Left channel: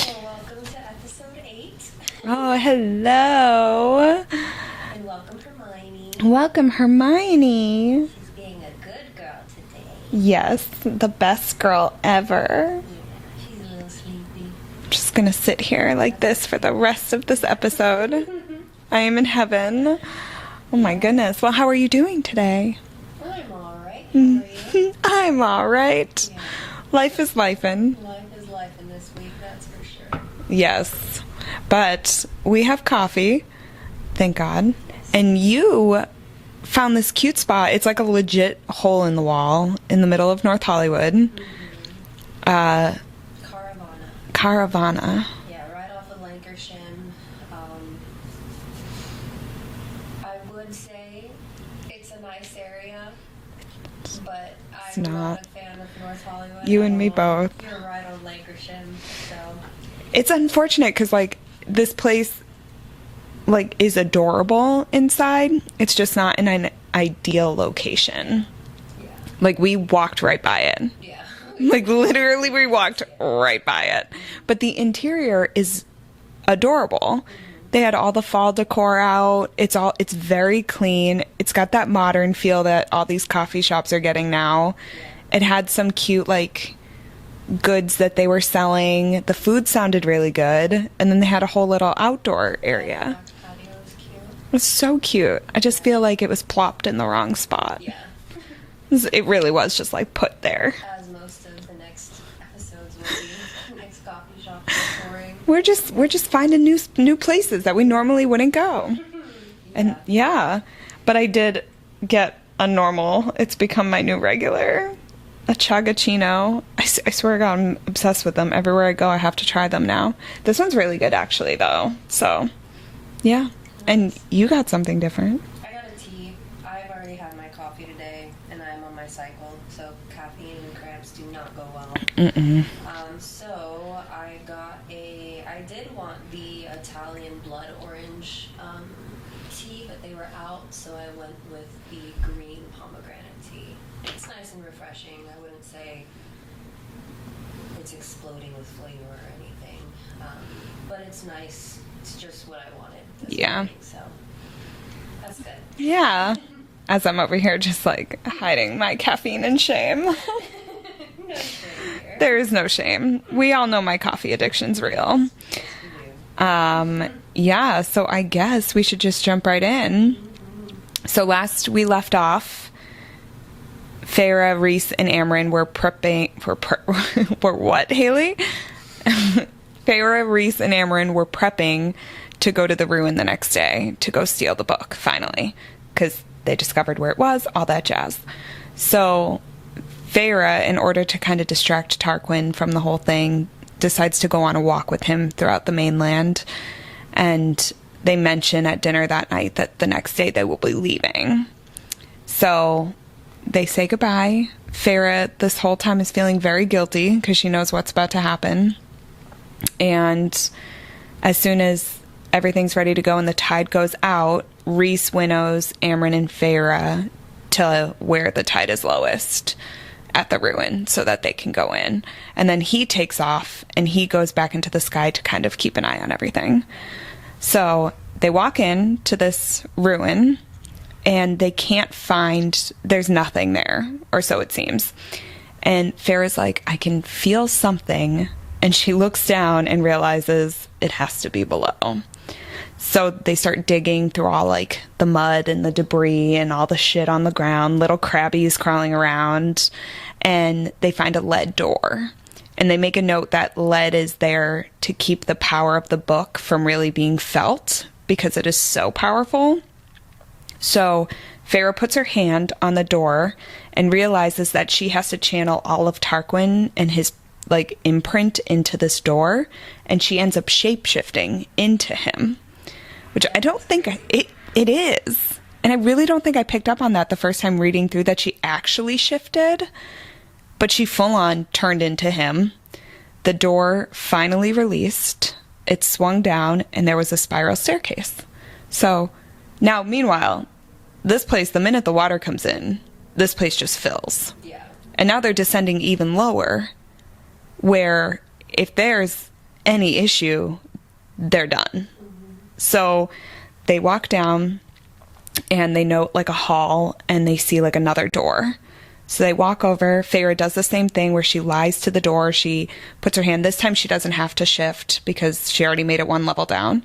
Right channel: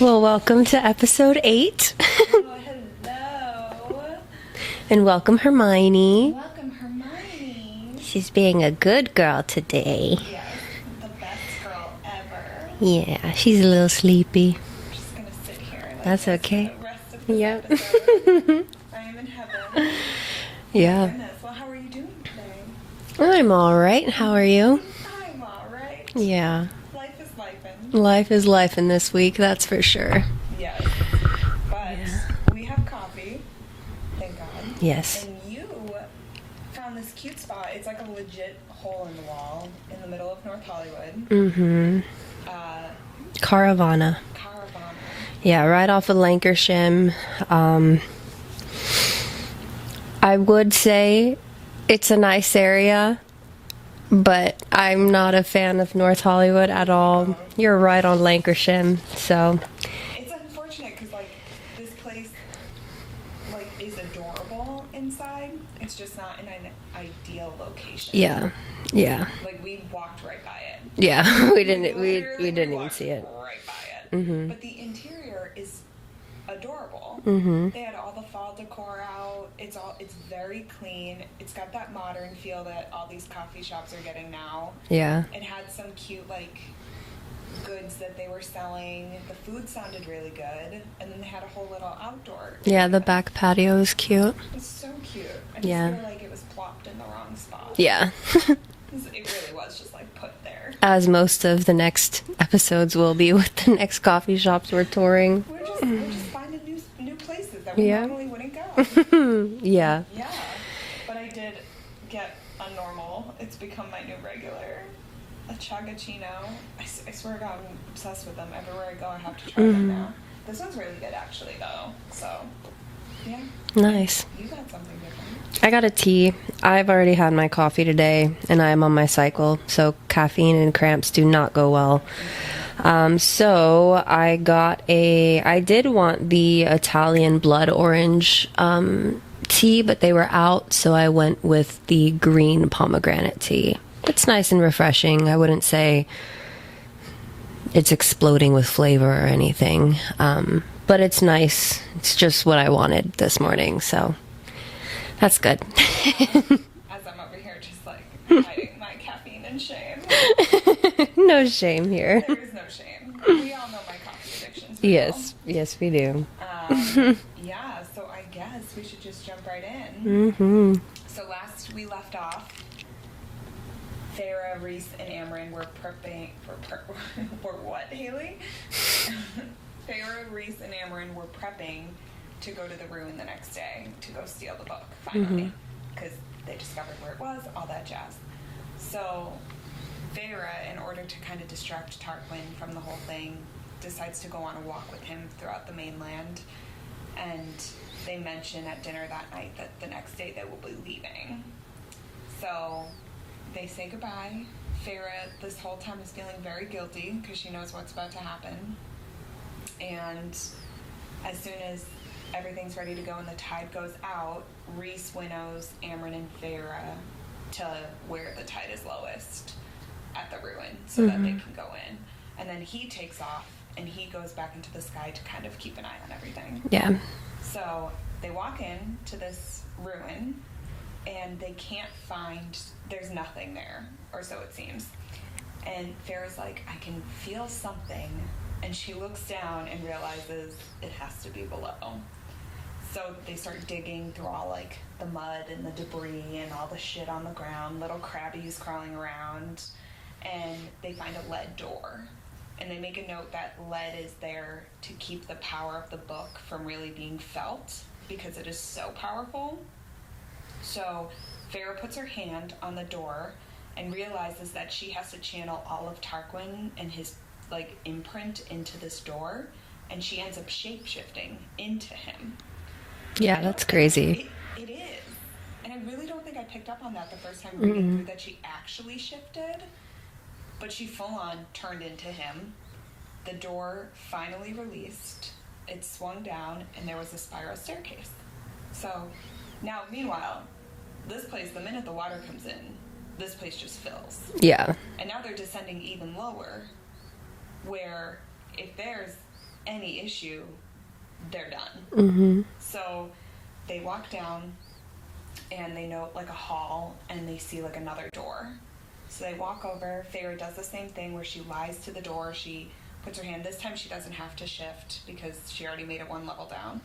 Well, welcome to episode 8. Oh, hello. And welcome Hermione. Welcome, Hermione. She's being a good girl today. Yes, the best girl ever. Yeah, she's a little sleepy. I'm just going to sit here like That's this okay. for the rest of this Yep. episode. I am in heaven. Oh my Yeah. goodness. Well, how are you doing today? I'm all right. How are you? I'm all right. Yeah. Life is lifin'. Life is life in this week, that's for sure. Yes. But we have coffee. Thank God. Yes. And you found this cute spot. It's like a legit hole in the wall in the middle of North Hollywood. Mm-hmm. Caravana. Caravana. Yeah, right off of Lancashire. I would say it's a nice area, but I'm not a fan of North Hollywood You at and me all. both. You're right on Lancashire, so It's unfortunate because, like, this place, like, is adorable inside. It's just not in an ideal location. yeah. Like, we walked right by it. Yeah, we Like, didn't- literally, we didn't walked see it. right by it. Mm-hmm. But the interior is adorable. Mm-hmm. They had all the fall decor out. It's very clean. It's got that modern feel that all these coffee shops are getting now. Yeah. It had some cute, like, goods that they were selling. The food sounded really good. And then they had a whole little outdoor area. Yeah, the back patio is cute. It was so cute. I just Yeah. feel like it was plopped in the wrong spot. Yeah. It really was just, like, put there. As most of the next episodes will be with the next coffee shops we're touring. We're just finding new places that we Yeah. normally wouldn't go. Yeah. Yeah. But I did get a normal. It's become my new regular. A chagachino. I swear to God, I'm obsessed with them. Everywhere I go, I have to try them now. This one's really good, actually, though. So, yeah. Nice. And you got something different. I got a tea. I've already had my coffee today, and I am on my cycle, so caffeine and cramps do not go well. So I did want the Italian blood orange tea, but they were out, so I went with the green pomegranate tea. It's nice and refreshing. I wouldn't say it's exploding with flavor or anything, but it's nice. It's just what I wanted this morning, so that's good. Yeah. As I'm over here just, like, hiding my caffeine and shame. No shame here. There is no shame. We all know my coffee addiction's real. Yes, we do. Yeah, so I guess we should just jump right in. Mm-hmm. So last we left off, Farah, Reese, and Amryn were prepping for what, Haley? Farah, Reese, and Amryn were prepping to go to the ruin the next day to go steal the book, finally, because they discovered where it was, all that jazz. So Farah, in order to kind of distract Tarquin from the whole thing, decides to go on a walk with him throughout the mainland, and they mention at dinner that night that the next day they will be leaving. So they say goodbye. Farah, this whole time, is feeling very guilty because she knows what's about to happen. And as soon as everything's ready to go and the tide goes out, Reese winnows Amryn and Farah to where the tide is lowest at the ruin so that they can go in. And then he takes off and he goes back into the sky to kind of keep an eye on everything. Yeah. So they walk in to this ruin and they can't find, there's nothing there, or so it seems. And Farah's like, I can feel something. And she looks down and realizes it has to be below. So they start digging through all, like, the mud and the debris and all the shit on the ground, little crabbies crawling around, and they find a lead door. And they make a note that lead is there to keep the power of the book from really being felt because it is so powerful. So Farah puts her hand on the door and realizes that she has to channel all of Tarquin and his, like, imprint into this door, and she ends up shape-shifting into him. Which Yeah, I don't that's think crazy. it is. And I really don't think I picked up on that the first time reading through that she actually shifted. But she full on turned into him. The door finally released. It swung down and there was a spiral staircase. So now, meanwhile, this place, the minute the water comes in, this place just fills. Yeah. And now they're descending even lower, where if there's any issue, they're done. So they walk down and they note like a hall and they see like another door. So they walk over. Feyre does the same thing where she lies to the door. She puts her hand. This time she doesn't have to shift because she already made it one level down.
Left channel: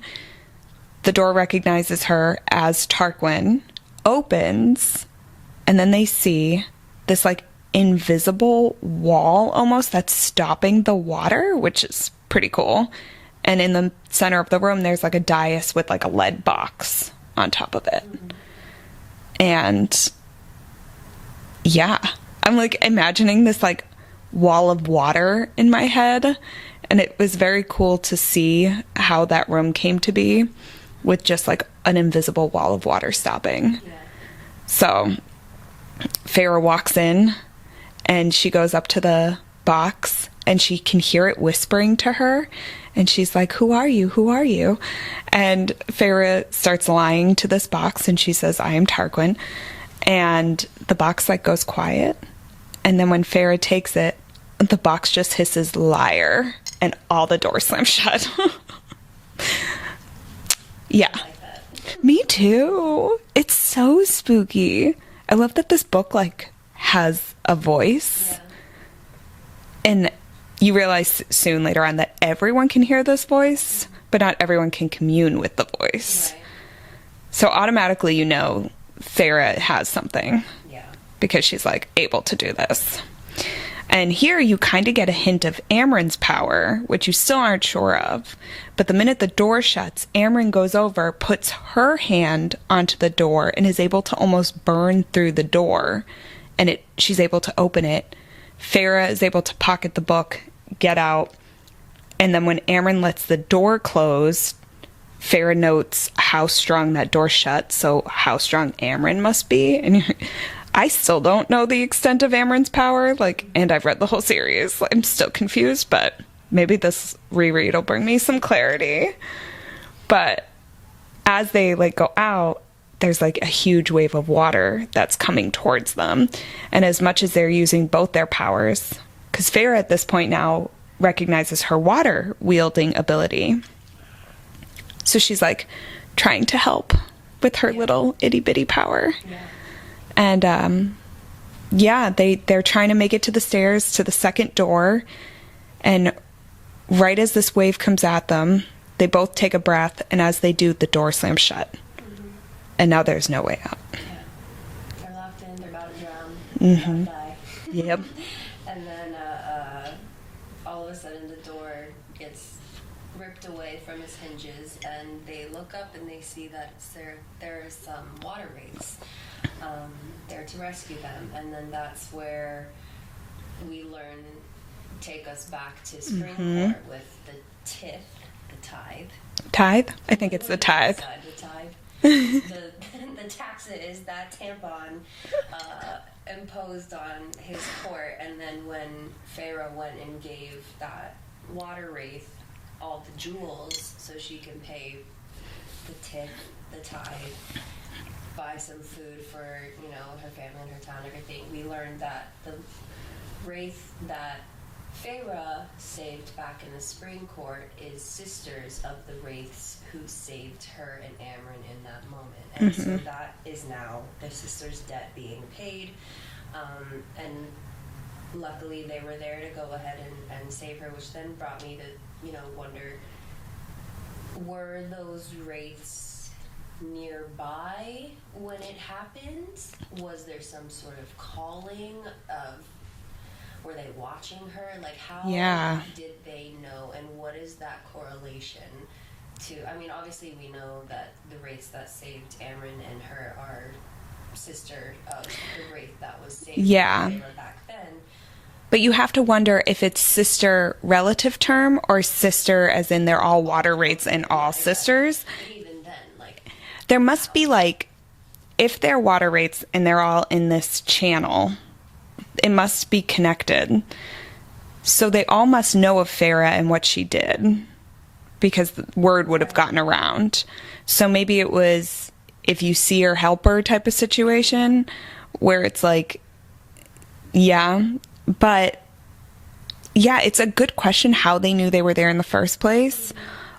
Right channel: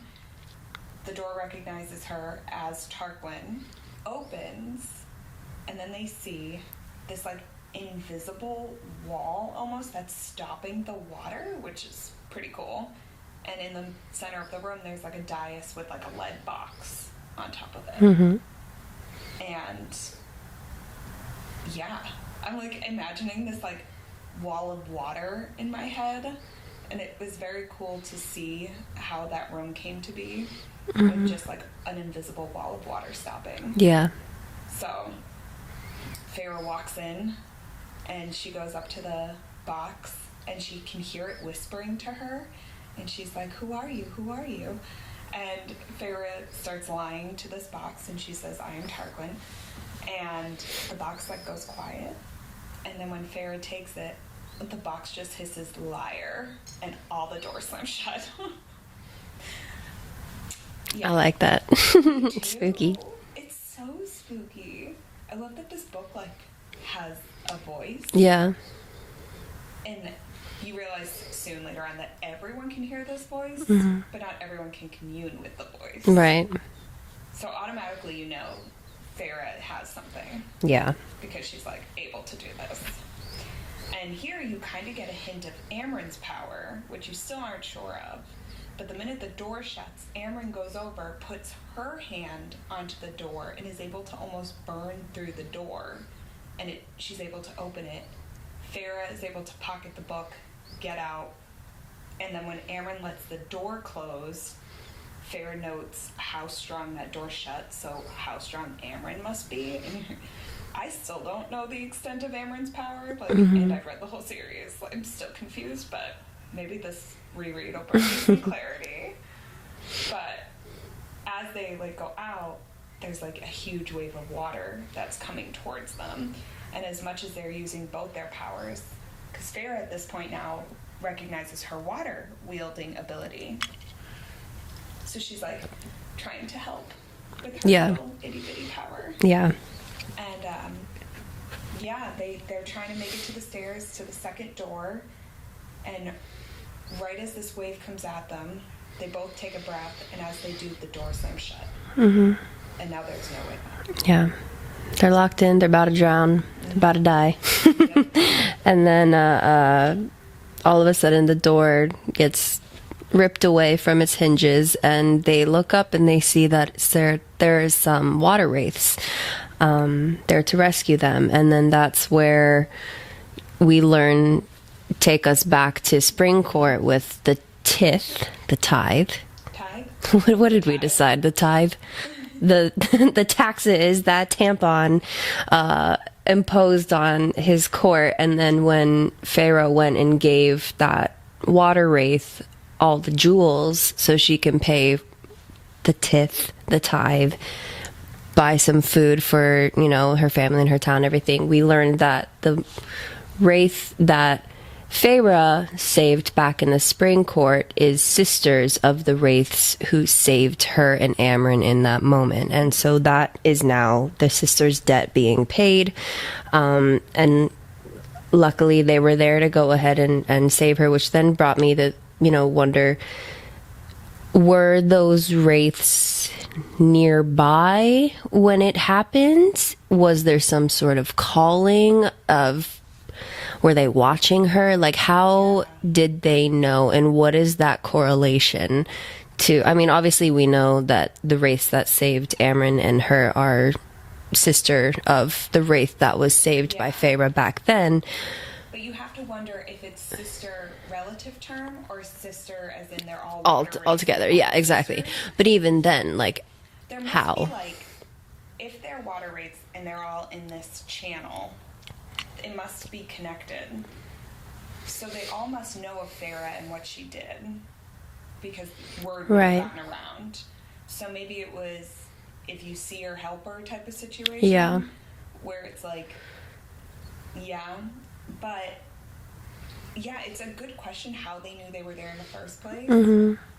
The door recognizes her as Tarquin, opens, and then they see this like invisible wall almost that's stopping the water, which is pretty cool. And in the center of the room, there's like a dais with like a lead box on top of it. And yeah, I'm like imagining this like wall of water in my head. And it was very cool to see how that room came to be with just like an invisible wall of water stopping. Yeah. So Feyre walks in and she goes up to the box and she can hear it whispering to her. And she's like, "Who are you? Who are you?" And Feyre starts lying to this box and she says, "I am Tarquin." And the box like goes quiet. And then when Feyre takes it, the box just hisses "liar" and all the doors slam shut. Yeah. I like that. Me too. It's so spooky. I love that this book like has a voice. Yeah. And you realize soon later on that everyone can hear this voice, but not everyone can commune with the voice. Right. So automatically you know Feyre has something. Yeah. Because she's like able to do this. And here you kind of get a hint of Amren's power, which you still aren't sure of. But the minute the door shuts, Amren goes over, puts her hand onto the door, and is able to almost burn through the door. And she's able to open it. Feyre is able to pocket the book, get out. And then when Amren lets the door close, Feyre notes how strong that door shuts, so how strong Amren must be. And I still don't know the extent of Amren's power, like, and I've read the whole series. I'm still confused, but maybe this reread will bring me some clarity. But as they like go out, there's like a huge wave of water that's coming towards them. And as much as they're using both their powers, because Feyre at this point now recognizes her water wielding ability. So she's like trying to help with her little itty bitty power. Yeah. And yeah, they're trying to make it to the stairs to the second door. And right as this wave comes at them, they both take a breath. And as they do, the door slams shut. And now there's no way out. Yeah. They're locked in. They're about to drown. About to die. Yep. And then all of a sudden the door gets ripped away from its hinges, and they look up and they see that there's some water wraiths there to rescue them. And then that's where we learn, take us back to Spring Court with the tithe. Tithe? I think What it's did we decide? The tithe? The taxes that Tampon imposed on his court. And then when Pharaoh went and gave that water wraith all the jewels so she can pay the tithe, buy some food for, her family and her town, everything. We learned that the wraith that Feyre saved back in the Spring Court is sisters of the wraiths who saved her and Amren in that moment. And so that is now the sisters' debt being paid. And luckily they were there to go ahead and save her, which then brought me to wonder, were those wraiths nearby when it happened? Was there some sort of calling of, were they watching her? Like, how did they know? And what is that correlation to? I mean, obviously we know that the wraiths that saved Amren and her are sister of the wraith that was saved by Feyre back then. But you have to wonder if it's sister relative term or sister as in they're all water wraiths and all sisters. But even then, like, there must be like, if they're water wraiths and they're all in this channel, it must be connected. So they all must know of Feyre and what she did, because the word would have gotten around. So maybe it was if you see her, help her type of situation where it's like, but yeah, it's a good question how they knew they were there in the first place.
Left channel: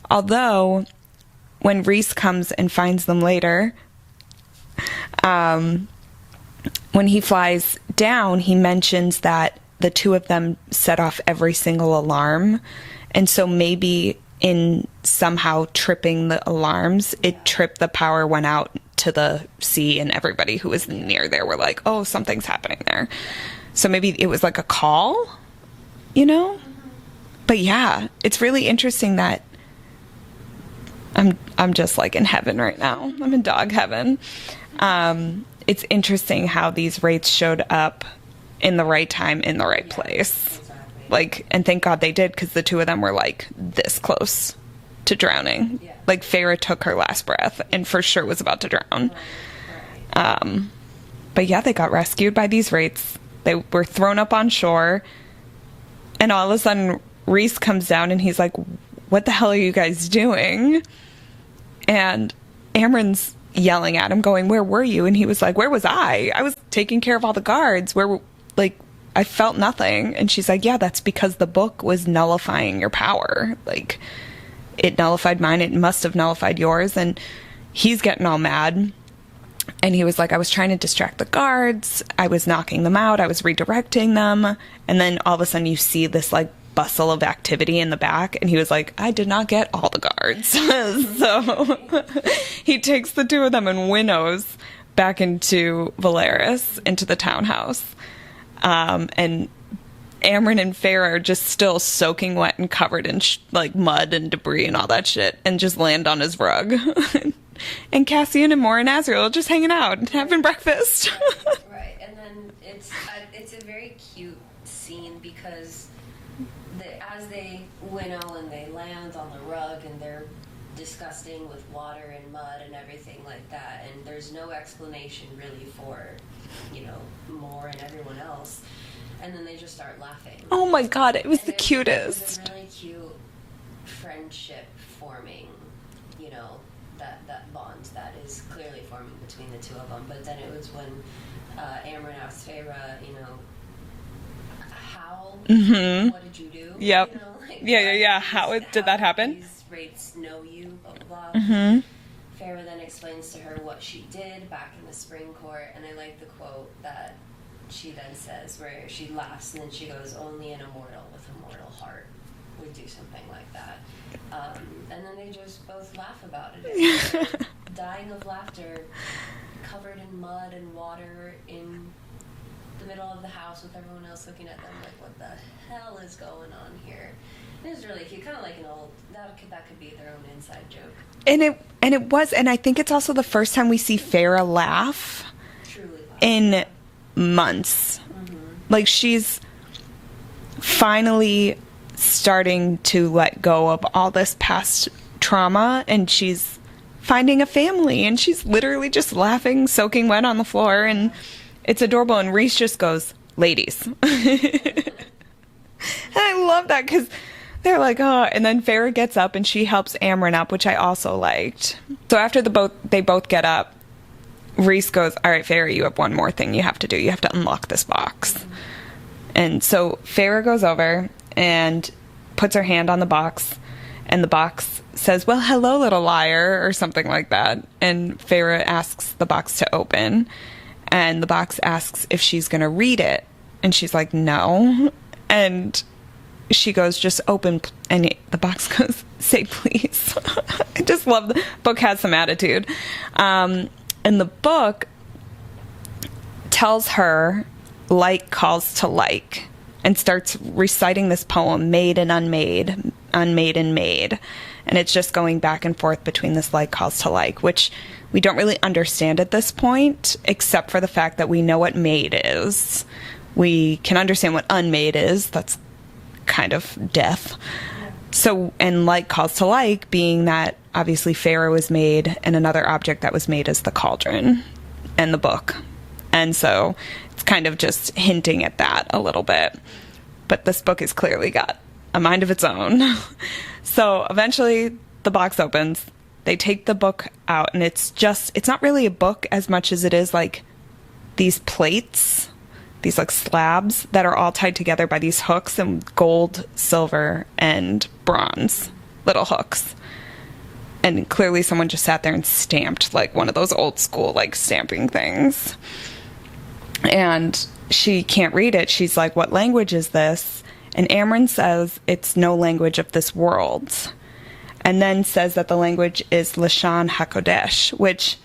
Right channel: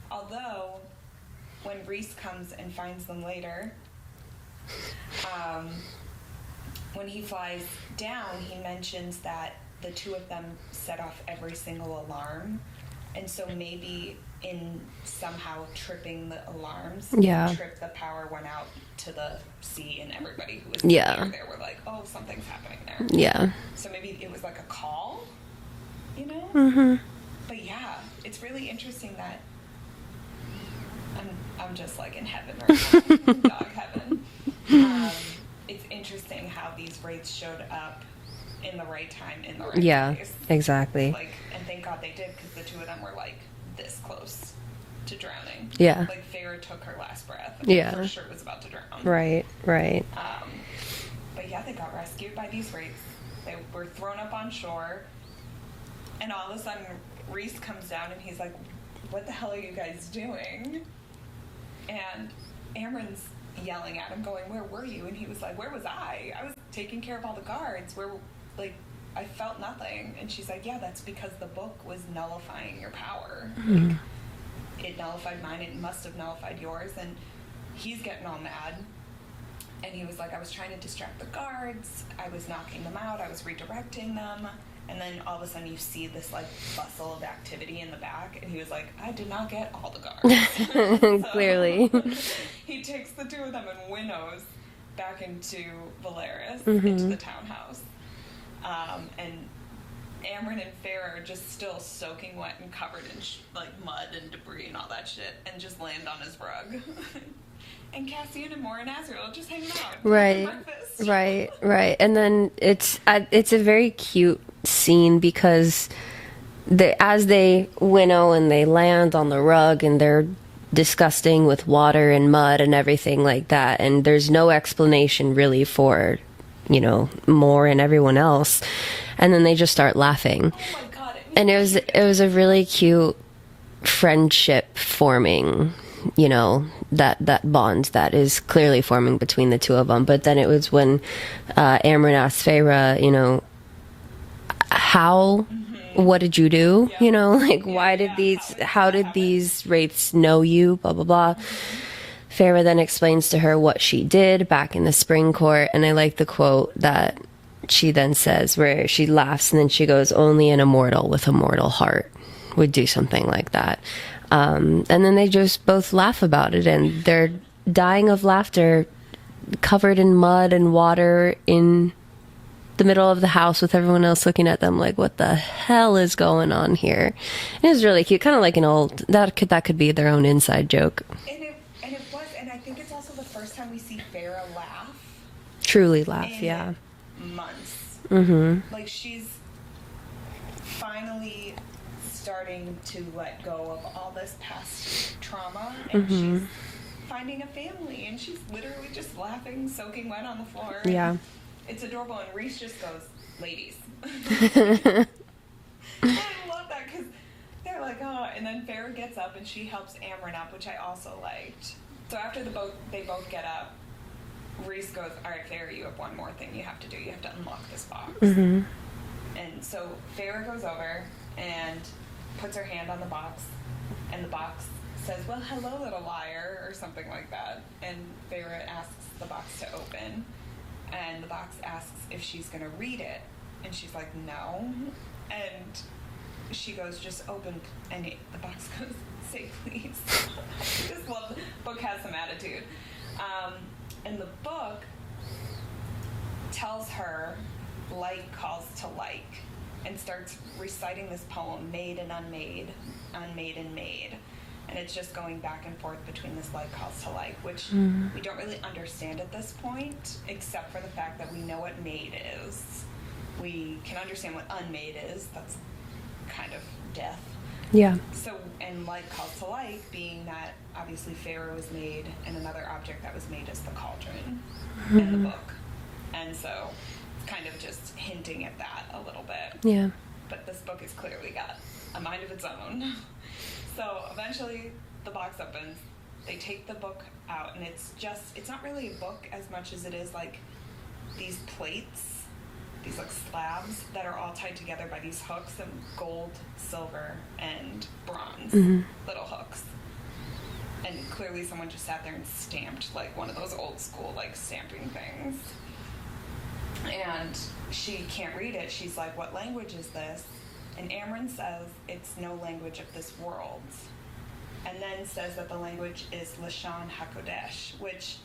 Although, when Rhys comes and finds them later, when he flies down, he mentions that the two of them set off every single alarm. And so maybe in somehow tripping the alarms, it tripped, the power went out to the sea, and everybody who was near there were like, oh, something's happening there. Yeah. So maybe it was like a call, you know? But yeah, it's really interesting that I'm just like in heaven right now. I'm in dog heaven. It's interesting how these wraiths showed up in the right time, in the right place. Exactly. Like, and thank God they did, because the two of them were like this close to drowning. Yeah. Like Feyre took her last breath and for sure was about to drown. Right. But yeah, they got rescued by these wraiths. They were thrown up on shore, and all of a sudden Rhys comes down and he's like, what the hell are you guys doing? And Amren's yelling at him, going, where were you? And he was like, where was I? I was taking care of all the guards. Like, I felt nothing. And she's like, yeah, that's because the book was nullifying your power. Like, it nullified mine. It must have nullified yours. And he's getting all mad. And he was like, I was trying to distract the guards. I was knocking them out. I was redirecting them. And then all of a sudden you see this like bustle of activity in the back. And he was like, I did not get all the guards. Clearly. He takes the two of them and winnows back into Valeris, into the townhouse. And Amren and Feyre are just still soaking wet and covered in like mud and debris and all that shit, and just land on his rug. And Cassian and Mor and Azriel are just hanging out, having breakfast. Right. And then it's a very cute scene, because as they winnow and they land on the rug and they're disgusting with water and mud and everything like that, and there's no explanation really for, you know, Mor and everyone else, and then they just start laughing. Oh my God, it was the cutest. It was a really cute friendship forming, you know, that bond that is clearly forming between the two of them. But then it was when Amren asked Feyre, you know, what did you do? Yep. You know, like, how did happen? These wraiths know you? Blah, blah, blah. Feyre then explains to her what she did back in the spring court. And I like the quote that she then says, where she laughs and then she goes, only an immortal with a mortal heart would do something like that. And then they just both laugh about it, and they're dying of laughter, covered in mud and water in the middle of the house with everyone else looking at them like, what the hell is going on here? It was really cute, kind of like an old, that could be their own inside joke. And it was, and I think it's also the first time we see Feyre laugh. Truly laugh. In months. Like, she's finally starting to let go of all this past trauma, and she's finding a family, and she's literally just laughing, soaking wet on the floor, and it's adorable. And Rhys just goes, ladies. I love that, because they're like, oh, and then Feyre gets up and she helps Amren up, which I also liked. So after they both get up, Rhys goes, all right, Feyre, you have one more thing you have to do. You have to unlock this box. And so Feyre goes over and puts her hand on the box, and the box says, well, hello, little liar, or something like that. And Feyre asks the box to open, and the box asks if she's going to read it. And she's like, no. And she goes, just open. And the box goes, say please. I just love the book has some attitude. And the book tells her like calls to like, and starts reciting this poem, made and unmade, unmade and made. And it's just going back and forth between this like calls to like, which we don't really understand at this point, except for the fact that we know what made is. We can understand what unmade is. That's kind of death. Yeah. So, and like calls to like being that obviously Feyre was made, and another object that was made is the cauldron and the book. And so it's kind of just hinting at that a little bit. Yeah. But this book has clearly got a mind of its own. So eventually the box opens. They take the book out, and it's not really a book as much as it is like these plates these like slabs that are all tied together by these hooks and gold, silver, and bronze little hooks. And clearly someone just sat there and stamped like one of those old school like stamping things. And she can't read it. She's like, what language is this? And Amren says it's no language of this world. And then says that the language is Lashon HaKodesh, which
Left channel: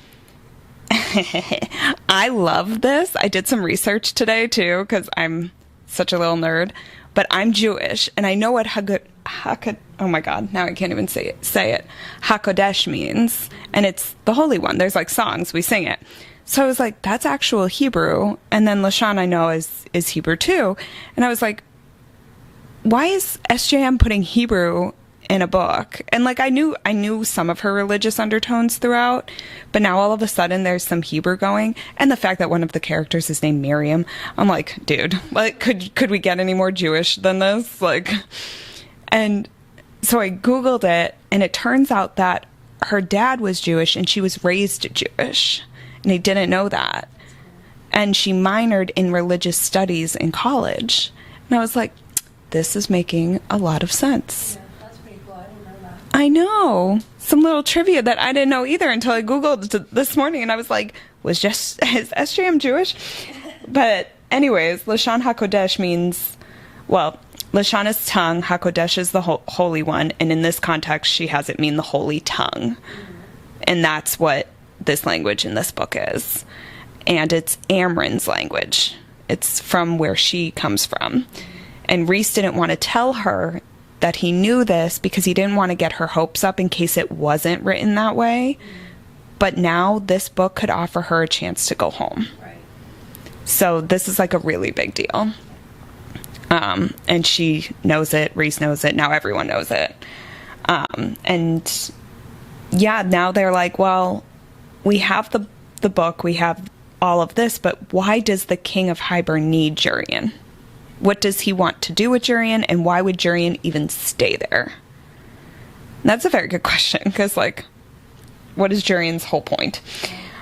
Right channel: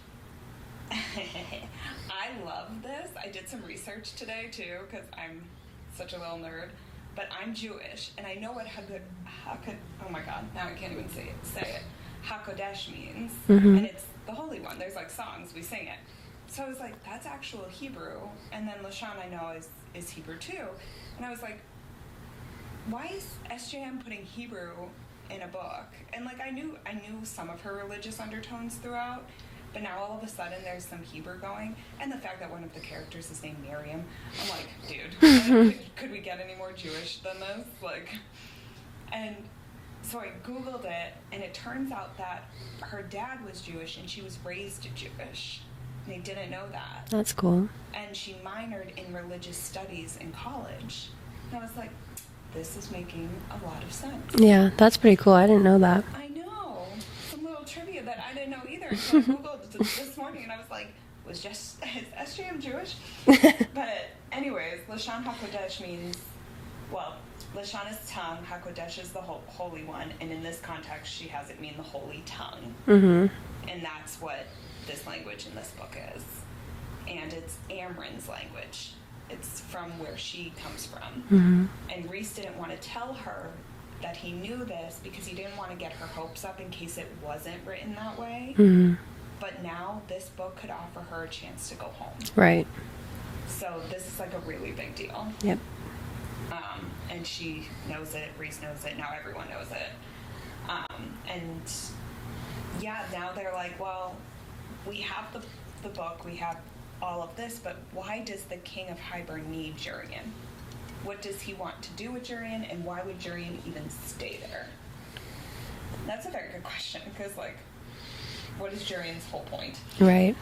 I love this. I did some research today too, because I'm such a little nerd. But I'm Jewish, and I know what oh my God, now I can't even say it. HaKodesh means, and it's the Holy One. There's like songs, we sing it. So I was like, that's actual Hebrew. And then Lashon I know is Hebrew too. And I was like, why is SJM putting Hebrew in a book? And like I knew some of her religious undertones throughout, but now all of a sudden there's some Hebrew going. And the fact that one of the characters is named Miriam, I'm like, dude, like could we get any more Jewish than this? Like, and so I Googled it, and it turns out that her dad was Jewish and she was raised Jewish, and I didn't know that. That's cool. And she minored in religious studies in college, and I was like, this is making a lot of sense. Yeah, that's pretty cool. I didn't know that. I know. Some little trivia that I didn't know either until I Googled this morning, and is SJM Jewish? But anyways, Lashon HaKodesh means, well, Lashon is tongue, HaKodesh is the Holy One, and in this context, she has it mean the holy tongue. And that's what this language in this book is. And it's Amren's language. It's from where she comes from. And Reese didn't want to tell her that he knew this because he didn't want to get her hopes up in case it wasn't written that way. But now this book could offer her a chance to go home. Right. So this is like a really big deal. Yep. And she knows it. Reese knows it. Now everyone knows it. And yeah, now they're like, well, we have the book. We have all of this, but why does the king of Hybern need Jurian? What does he want to do with Jurian, and why would Jurian even stay there? And that's a very good question, because like, what is Jurian's whole point? Right.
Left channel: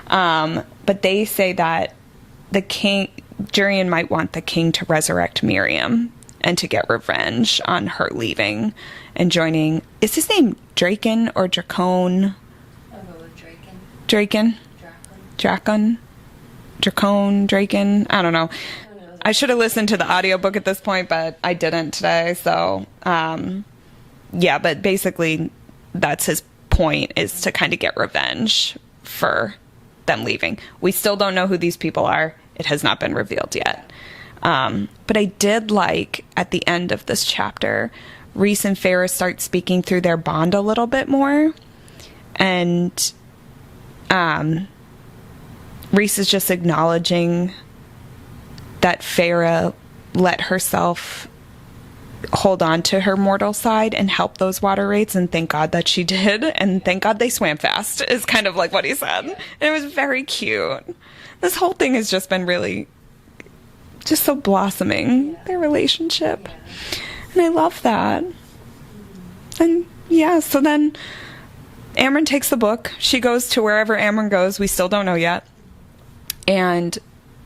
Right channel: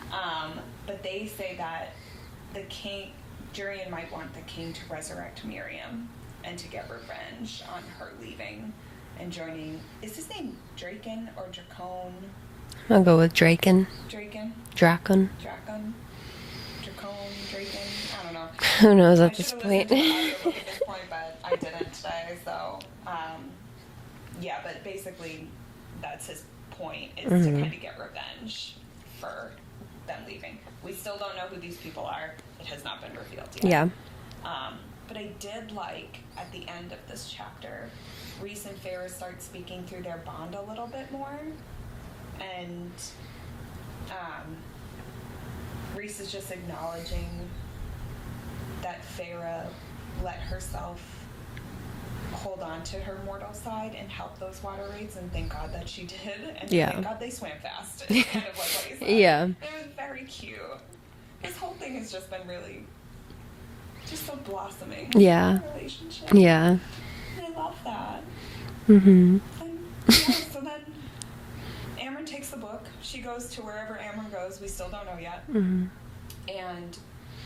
But they say that Jurian might want the king to resurrect Miriam and to get revenge on her leaving and joining. Is his name Draken or Dracone? I'll go with Draken. Draken? Drakon. Dracone, Draken, I don't know. Who knows? I should have listened to the audiobook at this point, but I didn't today. So, yeah, but basically that's his point, is to kind of get revenge for them leaving. We still don't know who these people are. It has not been revealed yet. Yeah. But I did like at the end of this chapter, Reese and Farrah start speaking through their bond a little bit more. And, Reese is just acknowledging that Farrah let herself hold on to her mortal side and help those water wraiths, and thank God that she did, and thank God they swam fast, is kind of like what he said. Yeah. And it was very cute. This whole thing has just been really just so blossoming. Yeah. Their relationship. Yeah. And I love that. And yeah, so then Amren takes the book. She goes to wherever Amren goes. We still don't know yet. And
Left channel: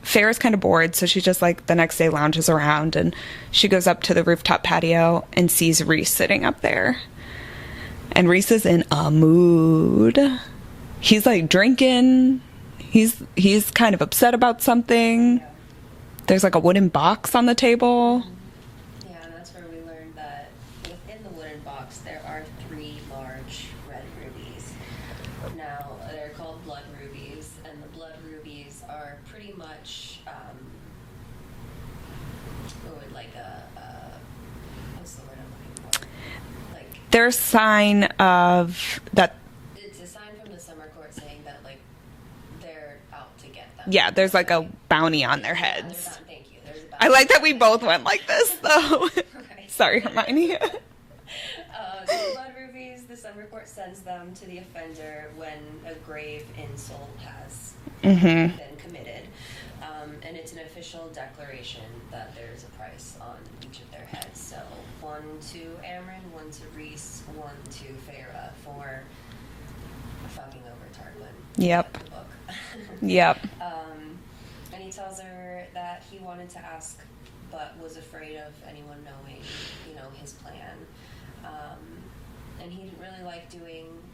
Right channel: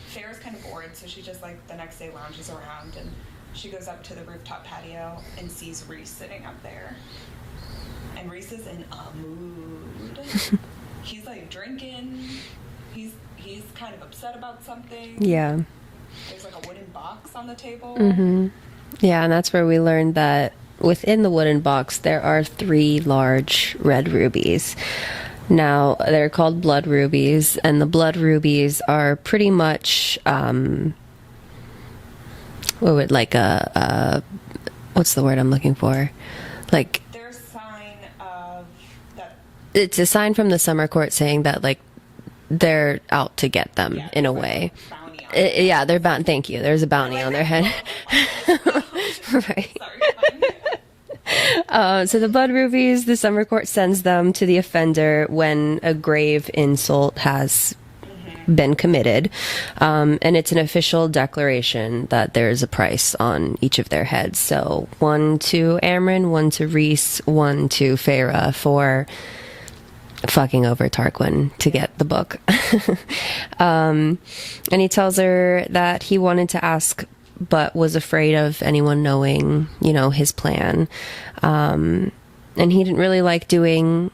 Farrah's kind of bored, so she just like the next day lounges around, and she goes up to the rooftop patio and sees Reese sitting up there. And Reese is in a mood. He's like drinking. He's kind of upset about something. Yeah. There's like a wooden box on the table. Yeah, and that's where we learned that within the wooden box, there are 3 large red rubies. Now, they're called blood rubies, and the blood rubies are pretty much, what's the word I'm looking for? Like, They're a sign of that. it's a sign from the summer court saying that, like, they're out to get them. Yeah, in there's a like way. a bounty on their heads. Yeah, they're bound. Thank you. There's a bounty. I like on that their we head. both went like this, though. Right. Sorry, Hermione. So the blood rubies, the summer court sends them to the offender when a grave insult has been committed. And it's an official declaration that there's a price on each of their heads. So 1 to Amren, 1 to Reese, 1 to Farrah for fucking over Tarquin to Yep. get the book. Yep. And he tells her that he wanted to ask, but was afraid of anyone knowing, you know, his plan. And he didn't really like doing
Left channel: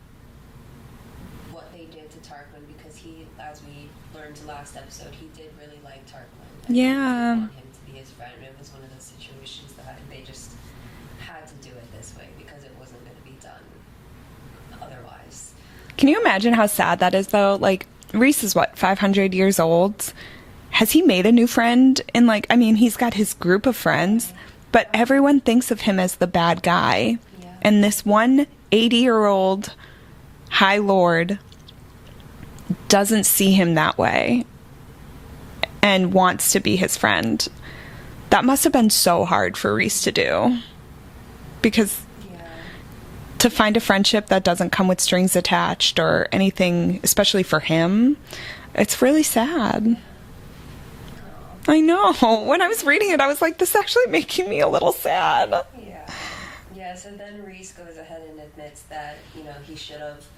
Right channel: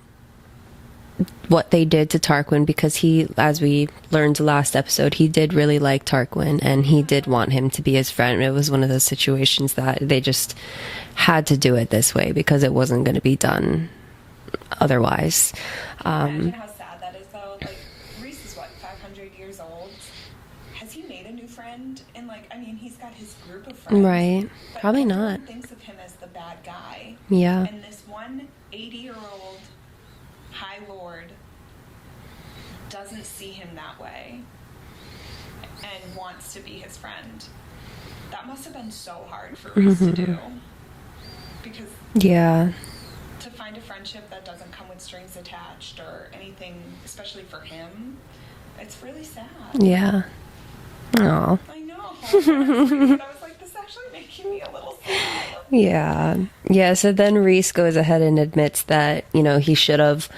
what they did to Tarquin because he, as we learned last episode, he did really like Tarquin and he did Yeah. want him to be his friend. It was one of those situations that they just had to do it this way because it wasn't going to be done otherwise. Can you imagine how sad that is, though? Like, Reese is, what, 500 years old? Has he made a new friend? And, like, I mean, he's got his group of friends. Right. But Probably everyone not. thinks of him as the bad guy. Yeah. And this one 80-year-old High Lord doesn't see him that way and wants to be his friend. That must have been so hard for Reese to do. Because Yeah. to find a friendship that doesn't come with strings attached or anything, especially for him, it's really sad. Yeah. Oh. I know. When I was reading it, I was like, this is actually making me a little sad. Yeah. Yeah. So then Reese goes ahead and admits that, you know, he should have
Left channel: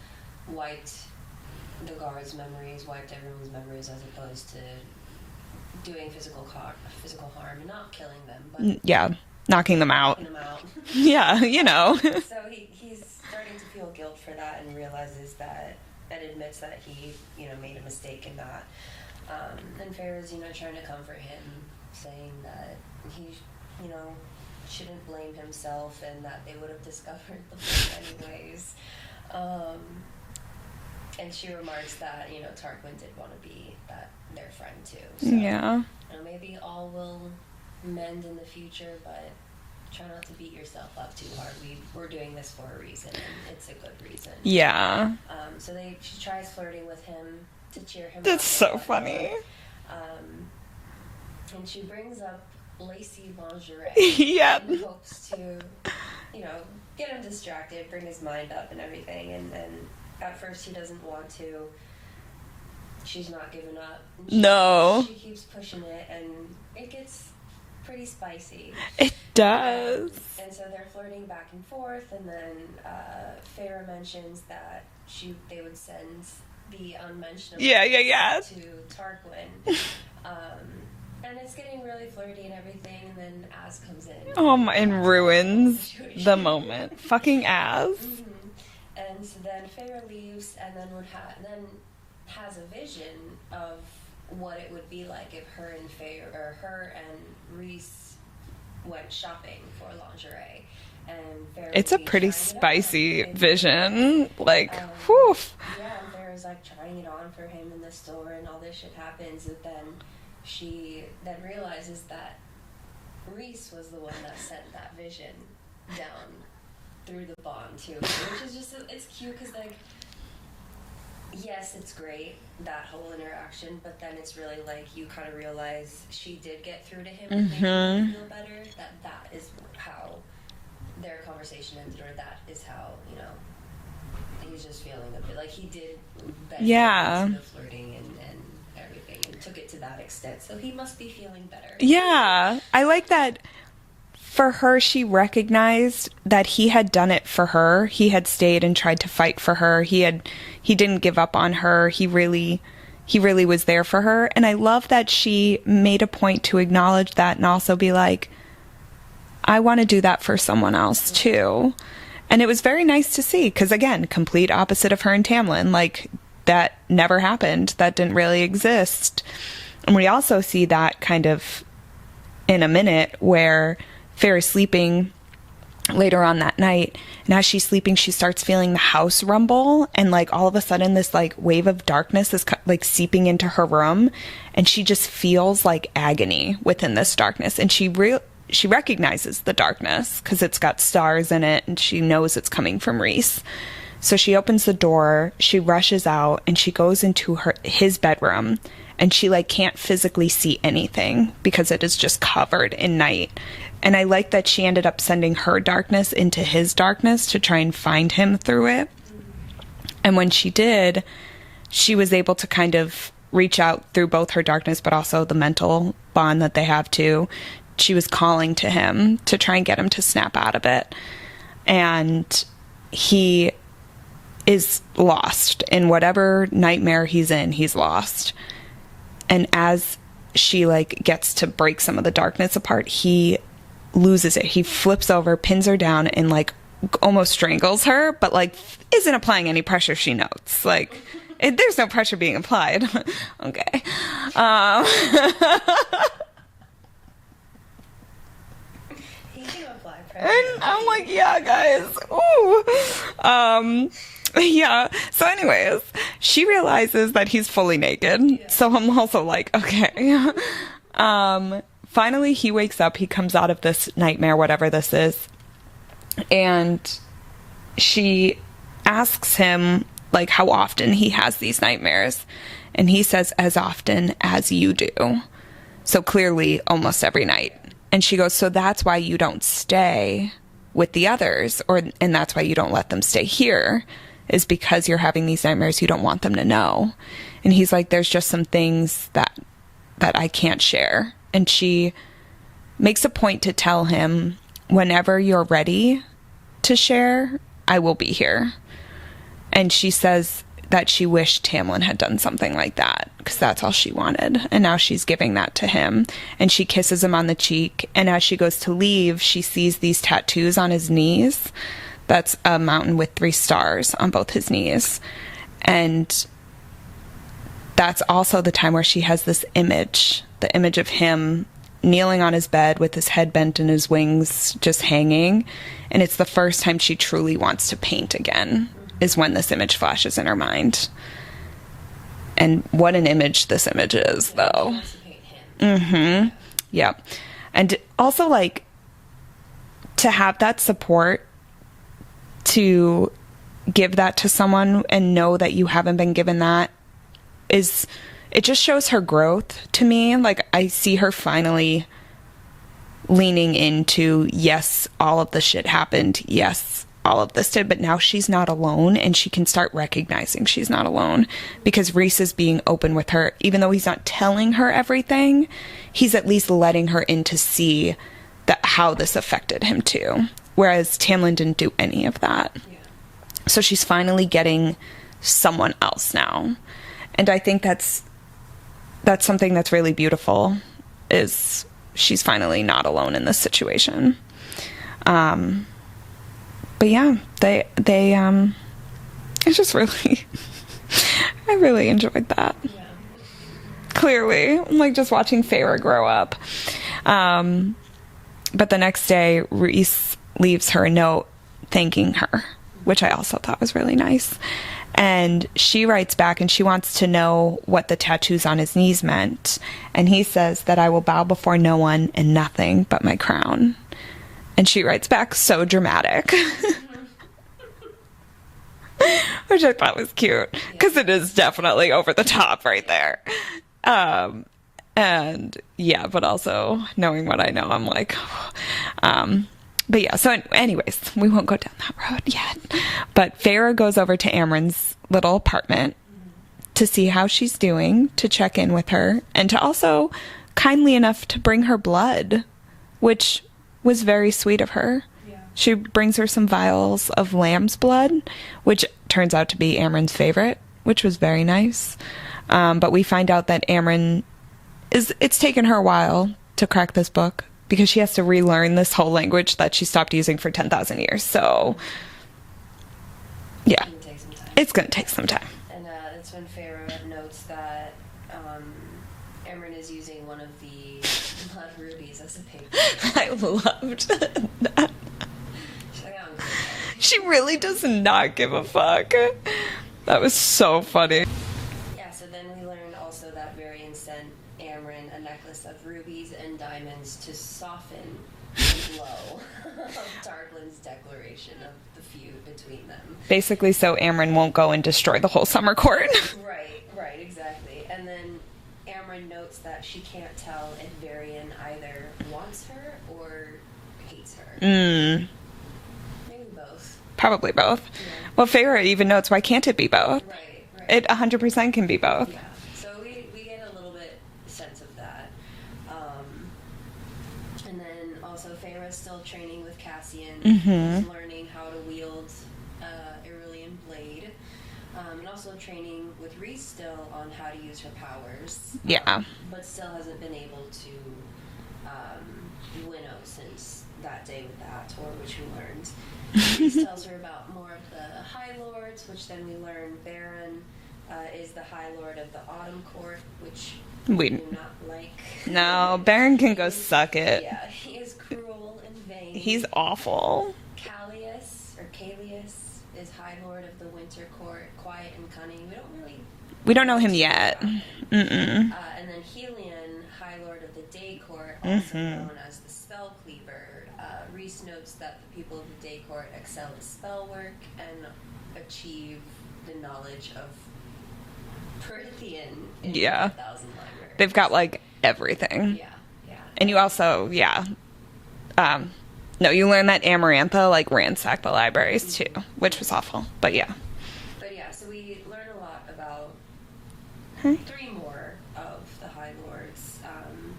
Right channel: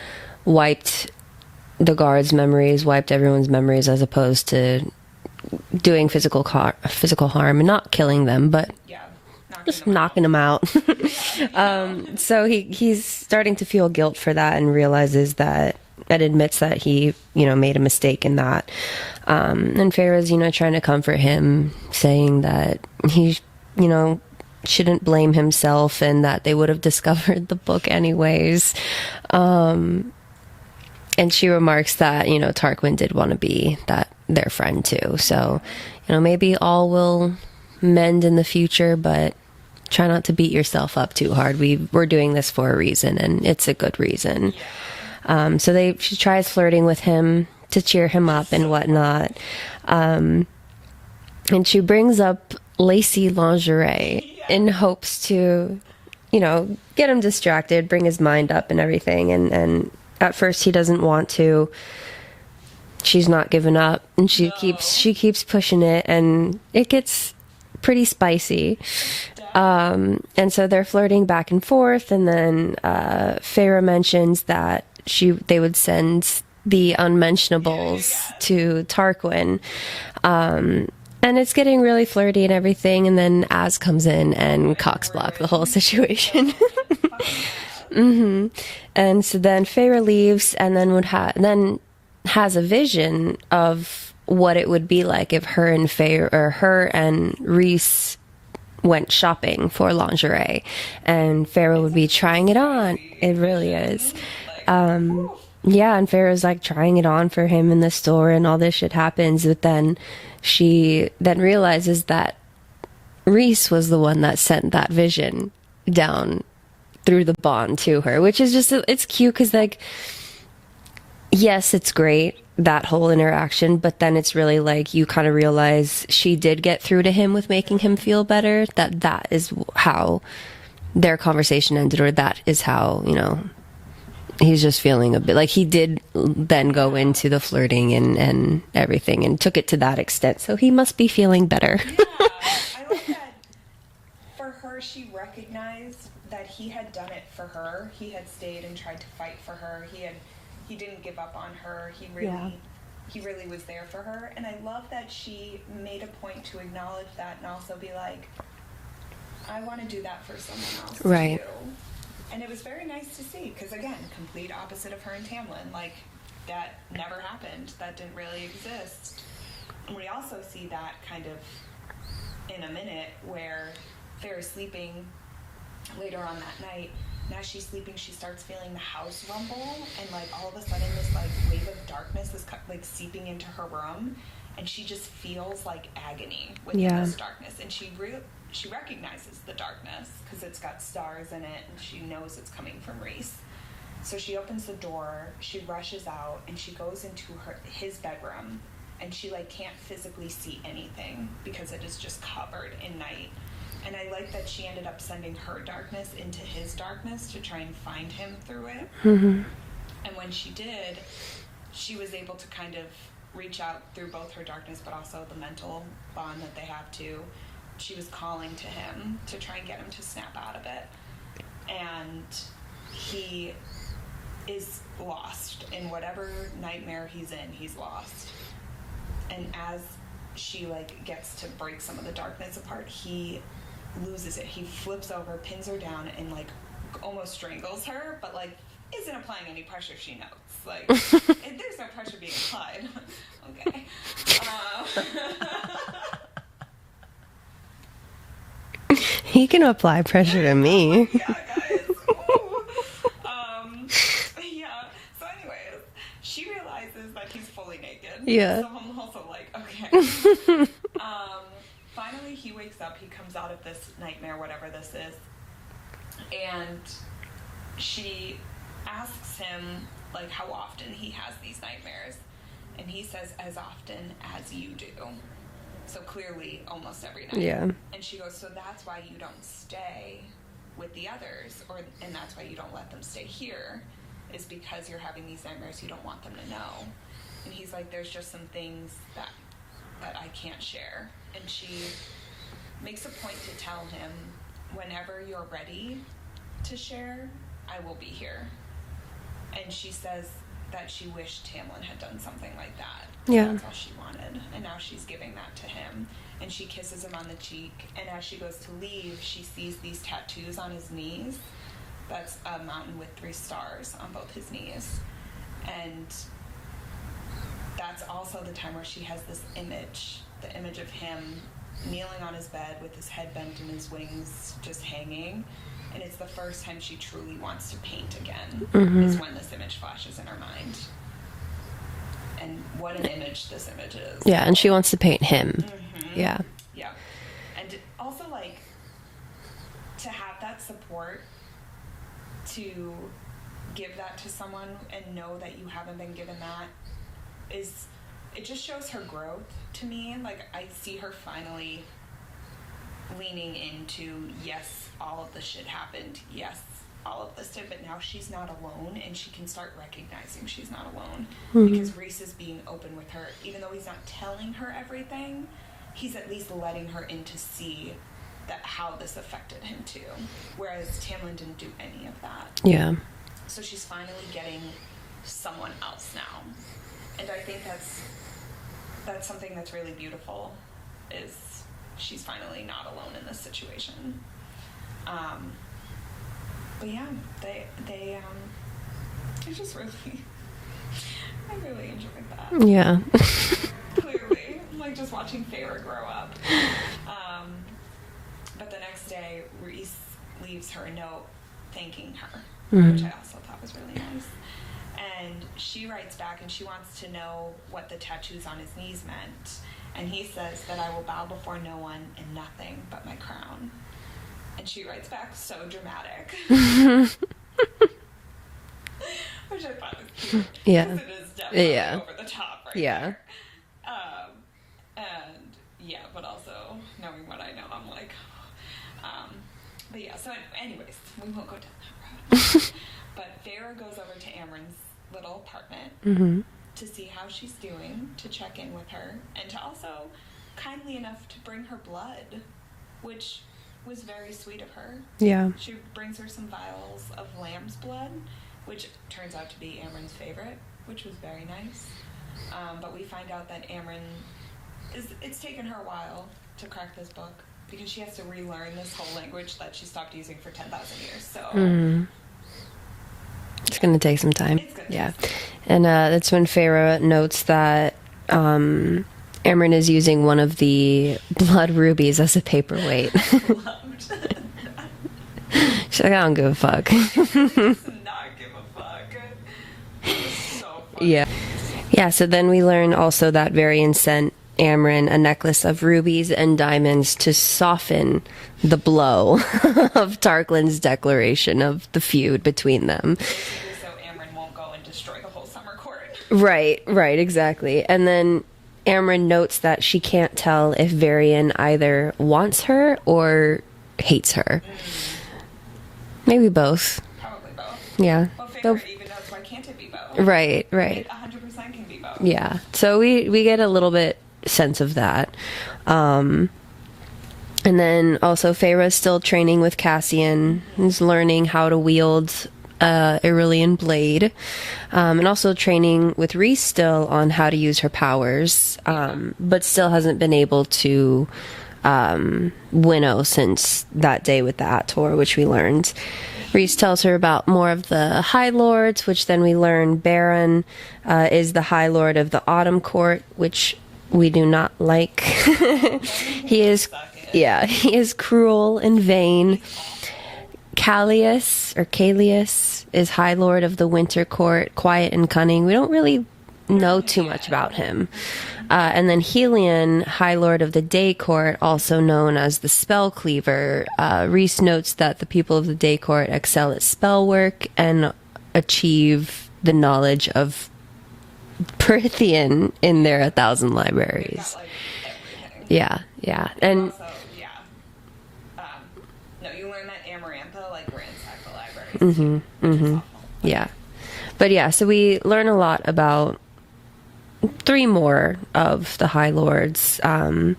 wiped the guards' memories, wiped everyone's memories, as opposed to doing physical harm and not killing them, but Yeah. Knocking them knocking out. them out. Yeah, you know. So he's starting to feel guilt for that and realizes that, and admits that he, you know, made a mistake in that. And Farah's, you know, trying to comfort him, saying that he, you know, shouldn't blame himself and that they would have discovered the book anyways. And she remarks that, you know, Tarquin did want to be their friend too. So, Yeah. you know, maybe all will mend in the future, but try not to beat yourself up too hard. We're doing this for a reason, and it's a good reason. Yeah. So she tries flirting with him to cheer him That's up and so whatnot. funny. And she brings up lacy lingerie Yeah. in hopes to, you know, get him distracted, bring his mind up and everything. And at first he doesn't want to. She's not giving up, and she keeps pushing it, and it gets pretty spicy. It does. And so they're flirting back and forth, and then Farah mentions that they would send the unmentionables Yeah. to Tarquin. And it's getting really flirty and everything, and then Az comes in and cocks block the whole situation. The moment. Fucking ass. And so then Farah leaves, and then has a vision of what it would be like if her and Reese went shopping for lingerie, and Farah It's would be a pretty trying it on. spicy It really vision. is. Like, whew. Yeah, and Farah's like trying it on for him in the store, and all this shit happens. But then she then realizes that Reese was the one that sent that vision down through the bond to her, which is just, it's cute because, like, yes, it's great, that whole interaction, but then it's really like you kind of realize she did get through to him with making him feel better, that is how their conversation ended, or that is how, you know, he's just feeling a bit like he did then go into the flirting and everything and took it to that extent, so he must be feeling better. Yeah. I like that. For her, she recognized that he had done it for her. He had stayed and tried to fight for her. He didn't give up on her. He really was there for her. And I love that she made a point to acknowledge that and also be like, I want to do that for someone else too. And it was very nice to see, because again, complete opposite of her and Tamlin. Like, that never happened. That didn't really exist. And we also see that kind of in a minute where Farrah's sleeping later on that night, and as she's sleeping, she starts feeling the house rumble, and like all of a sudden this like wave of darkness is like seeping into her room, and she just feels like agony within this darkness, and she recognizes the darkness because it's got stars in it, and she knows it's coming from Reese. So she opens the door, she rushes out, and she goes into his bedroom, and she like can't physically see anything because it is just covered in night. And I like that she ended up sending her darkness into his darkness to try and find him through it. Mm-hmm. And when she did, she was able to kind of reach out through both her darkness, but also the mental bond that they have too. She was calling to him to try and get him to snap out of it. And he is lost. In whatever nightmare he's in, he's lost. And as she, like, gets to break some of the darkness apart, he loses it. He flips over, pins her down, and, like, almost strangles her, but, like, isn't applying any pressure, she notes. Like, there's no pressure being applied. Okay. He can apply pressure to me. I'm like, yeah, guys. Ooh. Yeah. So anyways, she realizes that he's fully naked. Yeah. So I'm also like, okay. Finally, he wakes up. He comes out of this nightmare, whatever this is. And she asks him, like, how often he has these nightmares. And he says, as often as you do. So clearly almost every night. Yeah. And she goes, so that's why you don't stay with the others, and that's why you don't let them stay here, is because you're having these nightmares. You don't want them to know. And he's like, there's just some things that I can't share. And she makes a point to tell him, whenever you're ready to share, I will be here. And she says that she wished Tamlin had done something like that, because that's all she wanted. And now she's giving that to him. And she kisses him on the cheek. And as she goes to leave, she sees these tattoos on his knees. That's a mountain with 3 stars on both his knees. And that's also the time where she has this image, the image of him kneeling on his bed with his head bent and his wings just hanging. And it's the first time she truly wants to paint again, is when this image flashes in her mind. And what an image this image is. Yeah, though. and she wants to paint him. Yeah. Yeah. And also, like, to have that support, to give that to someone and know that you haven't been given that, it just shows her growth to me. Like, I see her finally leaning into, yes, all of the shit happened. Yes, all of this did, but now she's not alone, and she can start recognizing she's not alone, because Rhys is being open with her. Even though he's not telling her everything, he's at least letting her in to see that how this affected him too. Whereas Tamlin didn't do any of that. Yeah. So she's finally getting someone else now. And I think that's something that's really beautiful, is she's finally not alone in this situation. But yeah, they it's just really, I really enjoyed that. Yeah. Clearly, like, just watching Feyre grow up. But the next day, Rhys leaves her a note thanking her, which I also thought was really nice. And she writes back, and she wants to know what the tattoos on his knees meant. And he says that I will bow before no one and nothing but my crown. And she writes back, so dramatic. Which I thought was cute. Because it is definitely over the top there. And yeah, but also knowing what I know, I'm like, but yeah, so anyways, we won't go down that road yet. But Feyre goes over to Amren's little apartment to see how she's doing, to check in with her, and to also kindly enough to bring her blood, which was very sweet of her. Yeah. She brings her some vials of lamb's blood, which turns out to be Amren's favorite, which was very nice. But we find out that Amren it's taken her a while to crack this book, because she has to relearn this whole language that she stopped using for 10,000 years. So, It's going to take some time. It's going to take some time. And that's when Feyre notes that Amren is using one of the blood rubies as a paperweight. I loved that. She's like, I don't give a fuck. She really does not give a fuck. That was so funny. Yeah, so then we learn also that Varian sent Amren a necklace of rubies and diamonds to soften the blow of Tarquin's declaration of the feud between them. Basically, so Amren won't go and destroy the whole summer court. Right, exactly. And then Amren notes that she can't tell if Varian either wants her or hates her. Maybe both. Probably both. Yeah. Well, Feyre even notes, why can't it be both? Right. It 100% can be both. Yeah. So we get a little bit sense of that. And then also Feyre's still training with Cassian, who's learning how to wield Irillian blade, and also training with Reese still on how to use her powers, but still hasn't been able to winnow since that day with the Ator, which we learned. Reese tells her about more of the High Lords, which then we learn Baron is the High Lord of the Autumn Court, which we do not like. No, Baron can suck it. Yeah, he is cruel and vain. He's awful. Callius is High Lord of the Winter Court, quiet and cunning. We don't know him too yet. much about him. And then Helion, High Lord of the Day Court, also known as the Spell Cleaver. Reese notes that the people of the Day Court excel at spell work and achieve the knowledge of Prythian in their 1,000 libraries. They've got like everything. Yeah. And you also, no, you learn that Amarantha like ransacked the libraries too, which was awful. But yeah. So we learn a lot about 3 more of the High Lords. And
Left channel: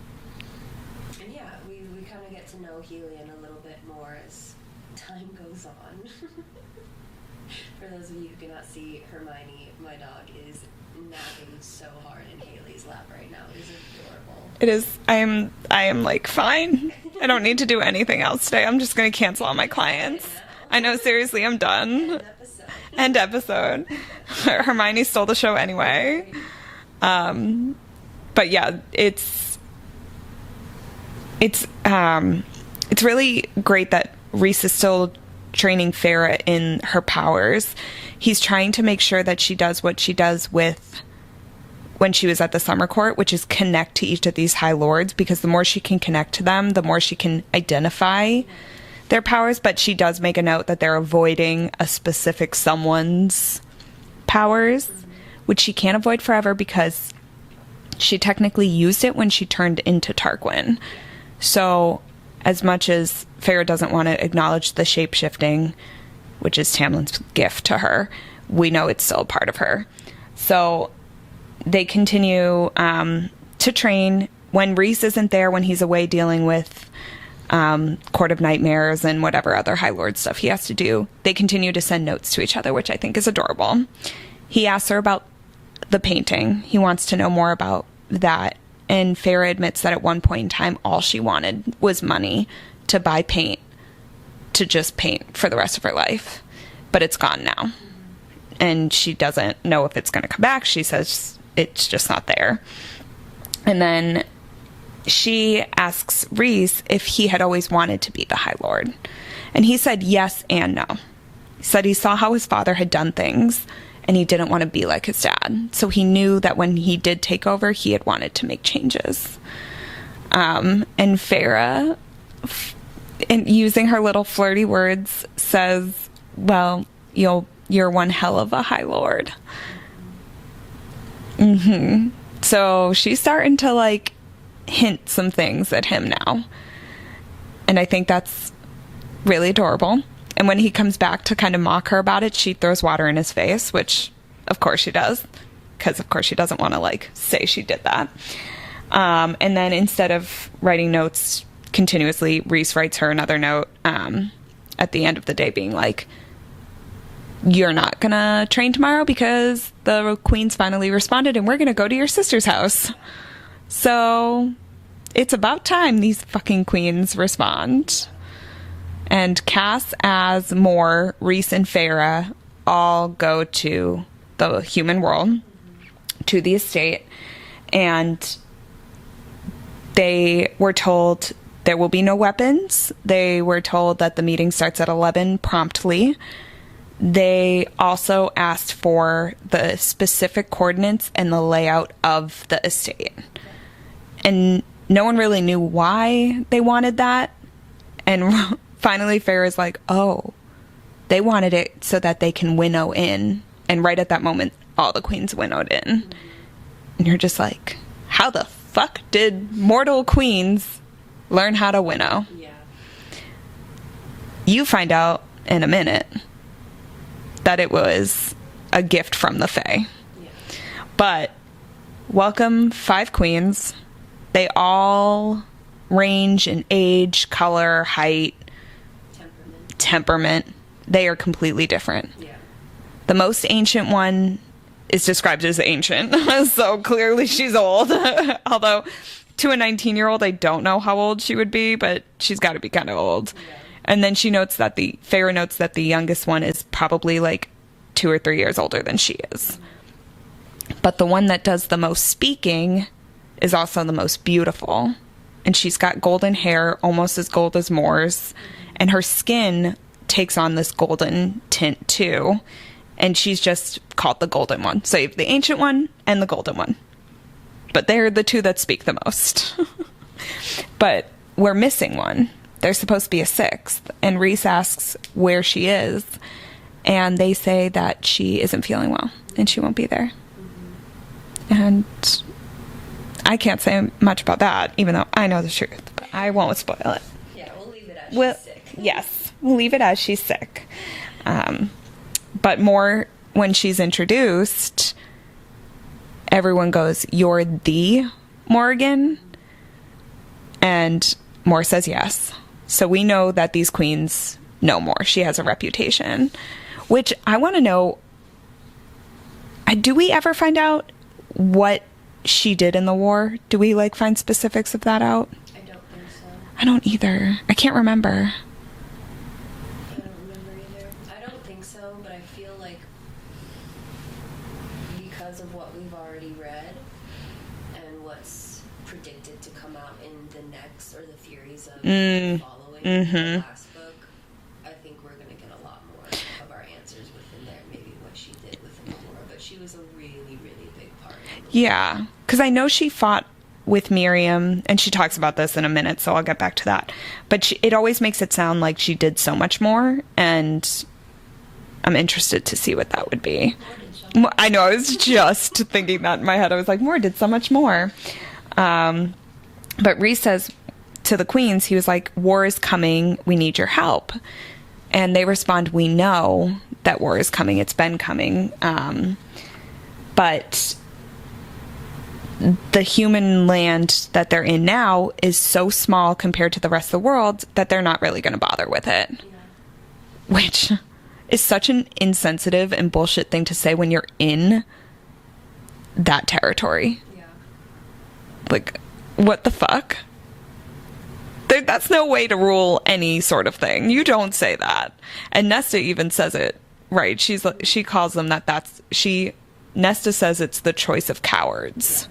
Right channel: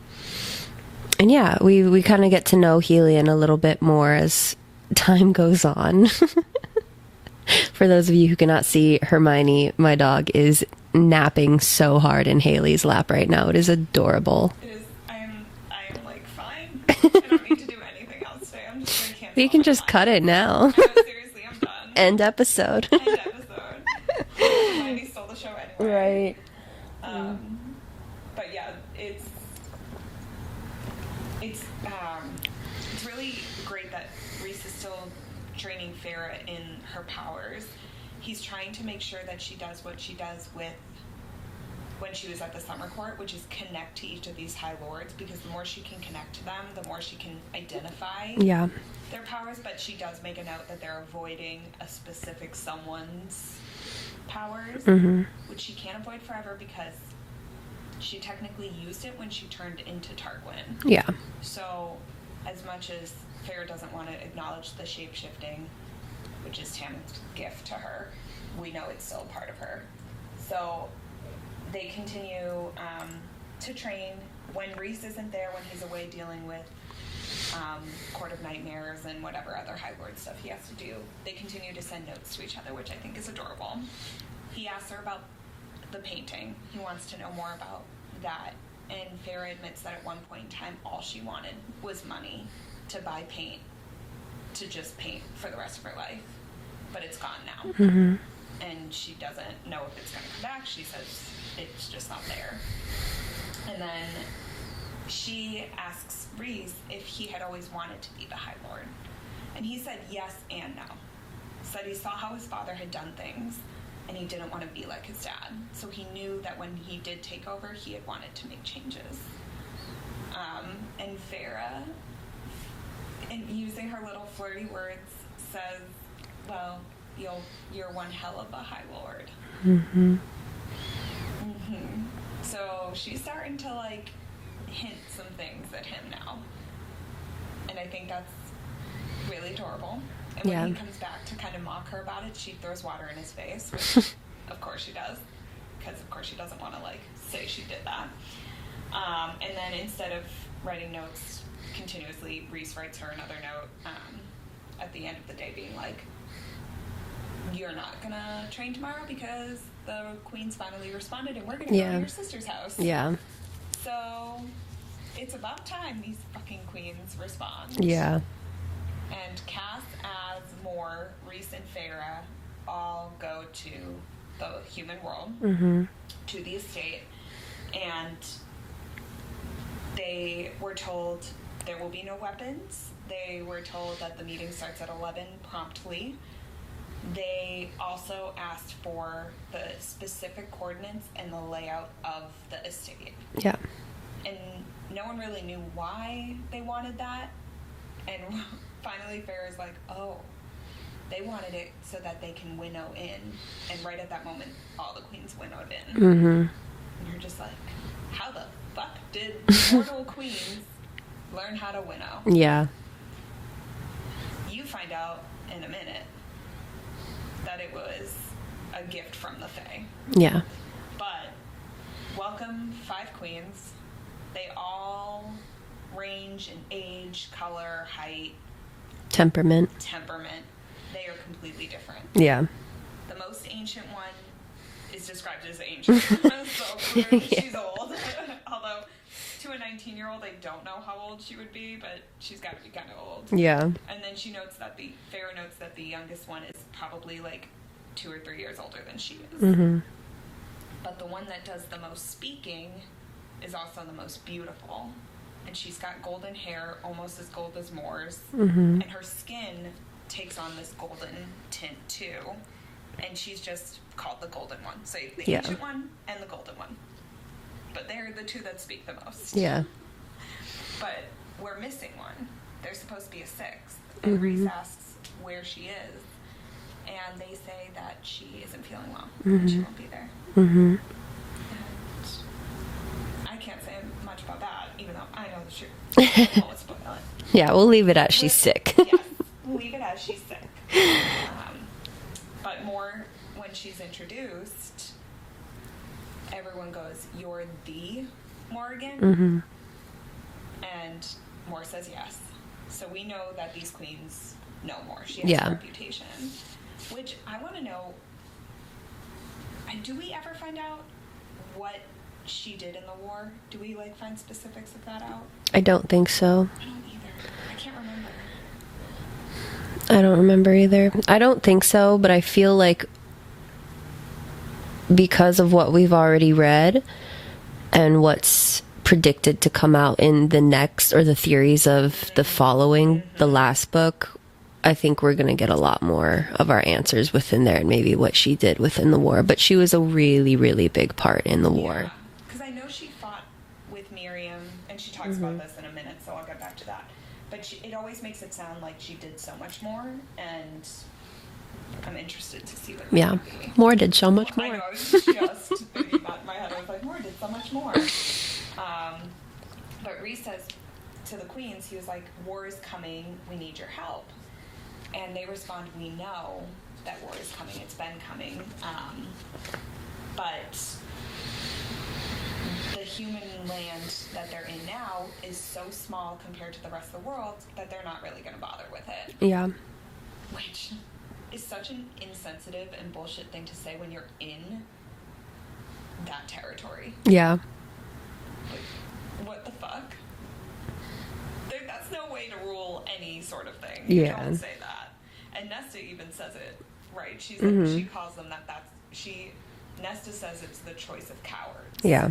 yeah, we kind of get to know Helion a little bit more as time goes on. For those of you who cannot see, Hermione, my dog, is napping so hard in Haley's lap right now. It is adorable. It is. I am like fine. I don't need to do anything else today. I'm just going to cancel all my clients. You can just cut it now. I know, seriously, I'm done. End episode. Hermione stole the show anyway. Right. But yeah, it's really great that Reese is still training Farah in her powers. He's trying to make sure that she does what she does with when she was at the summer court, which is connect to each of these High Lords, because the more she can connect to them, the more she can identify their powers. But she does make a note that they're avoiding a specific someone's powers, which she can't avoid forever because she technically used it when she turned into Tarquin. Yeah. So as much as Farah doesn't want to acknowledge the shape-shifting, which is Tamlin's gift to her, we know it's still a part of her. So they continue to train. When Reese isn't there, when he's away dealing with Court of Nightmares and whatever other High Lord stuff he has to do, they continue to send notes to each other, which I think is adorable. He asks her about the painting. He wants to know more about that. And Farah admits that at one point in time, all she wanted was money to buy paint, to just paint for the rest of her life. But it's gone now. And she doesn't know if it's going to come back. She says it's just not there. And then she asks Reese if he had always wanted to be the High Lord. And he said yes and no. He said he saw how his father had done things, and he didn't want to be like his dad. So he knew that when he did take over, he had wanted to make changes. And Farah, in using her little flirty words, says, well, you're one hell of a High Lord. So she's starting to like hint some things at him now. And I think that's really adorable. And when he comes back to kind of mock her about it, she throws water in his face, which of course she does, because of course she doesn't want to like say she did that. And then instead of writing notes continuously, Reese writes her another note at the end of the day being like, you're not gonna train tomorrow because the queen's finally responded and we're gonna go to your sister's house. Yeah. So it's about time these fucking queens respond. Yeah. And Cass, Az, Moore, Reese, and Farah all go to the human world, to the estate, and they were told there will be no weapons. They were told that the meeting starts at 11 promptly. They also asked for the specific coordinates and the layout of the estate. Yeah. And no one really knew why they wanted that. And finally, Farah's like, oh, they wanted it so that they can winnow in. And right at that moment, all the queens winnowed in. And you're just like, how the fuck did mortal queens learn how to winnow? Yeah. You find out in a minute that it was a gift from the Fae. Yeah. But welcome 5 queens. They all range in age, color, height, Temperament. they are completely different. Yeah. The most ancient one is described as ancient, so clearly she's old. Although, to a 19-year-old, I don't know how old she would be, but she's got to be kind of old. Yeah. And then Feyre notes that the youngest one is probably like 2 or 3 years older than she is. Mm-hmm. But the one that does the most speaking is also the most beautiful. And she's got golden hair, almost as gold as Mor's. Mm-hmm. And her skin takes on this golden tint too. And she's just called the golden one. So you have the ancient one and the golden one. But they're the two that speak the most. Yeah. But we're missing one. There's supposed to be a sixth. And Rhys asks where she is. And they say that she isn't feeling well. And she won't be there. Mm-hmm. And I can't say much about that, even though I know the truth. I won't spoil it. Yeah, we'll leave it at she's sick. Yes, we'll leave it as she's sick. But more when she's introduced, everyone goes, "You're the Morgan?" Mm-hmm. And Mor says yes. So we know that these queens know Mor. She has a reputation. Which I want to know, do we ever find out what she did in the war? Do we find specifics of that out? I don't think so. I don't either. I can't remember. I don't remember either. I don't think so, but I feel like because of what we've already read and what's predicted to come out in the next, or the theories of the following, the last book, I think we're going to get a lot more of our answers within there, and maybe what she did within the war. But she was a really, really big part in the war. Yeah, because I know she fought with Miriam, and she talks about this in a minute, so I'll get back to that. But it always makes it sound like she did so much more, and I'm interested to see what that would be. Mor did so much more. I know, I was just thinking that in my head. I was like, Mor did so much more. But Rhys says to the queens, he was like, "War is coming, we need your help." And they respond, "We know that war is coming, it's been coming. But the human land that they're in now is so small compared to the rest of the world that they're not really going to bother with it." Yeah. Which is such an insensitive and bullshit thing to say when you're in that territory. Yeah. What the fuck? That's no way to rule any sort of thing. You don't say that. And Nesta even says it, right? She calls them Nesta says it's the choice of cowards. Yeah.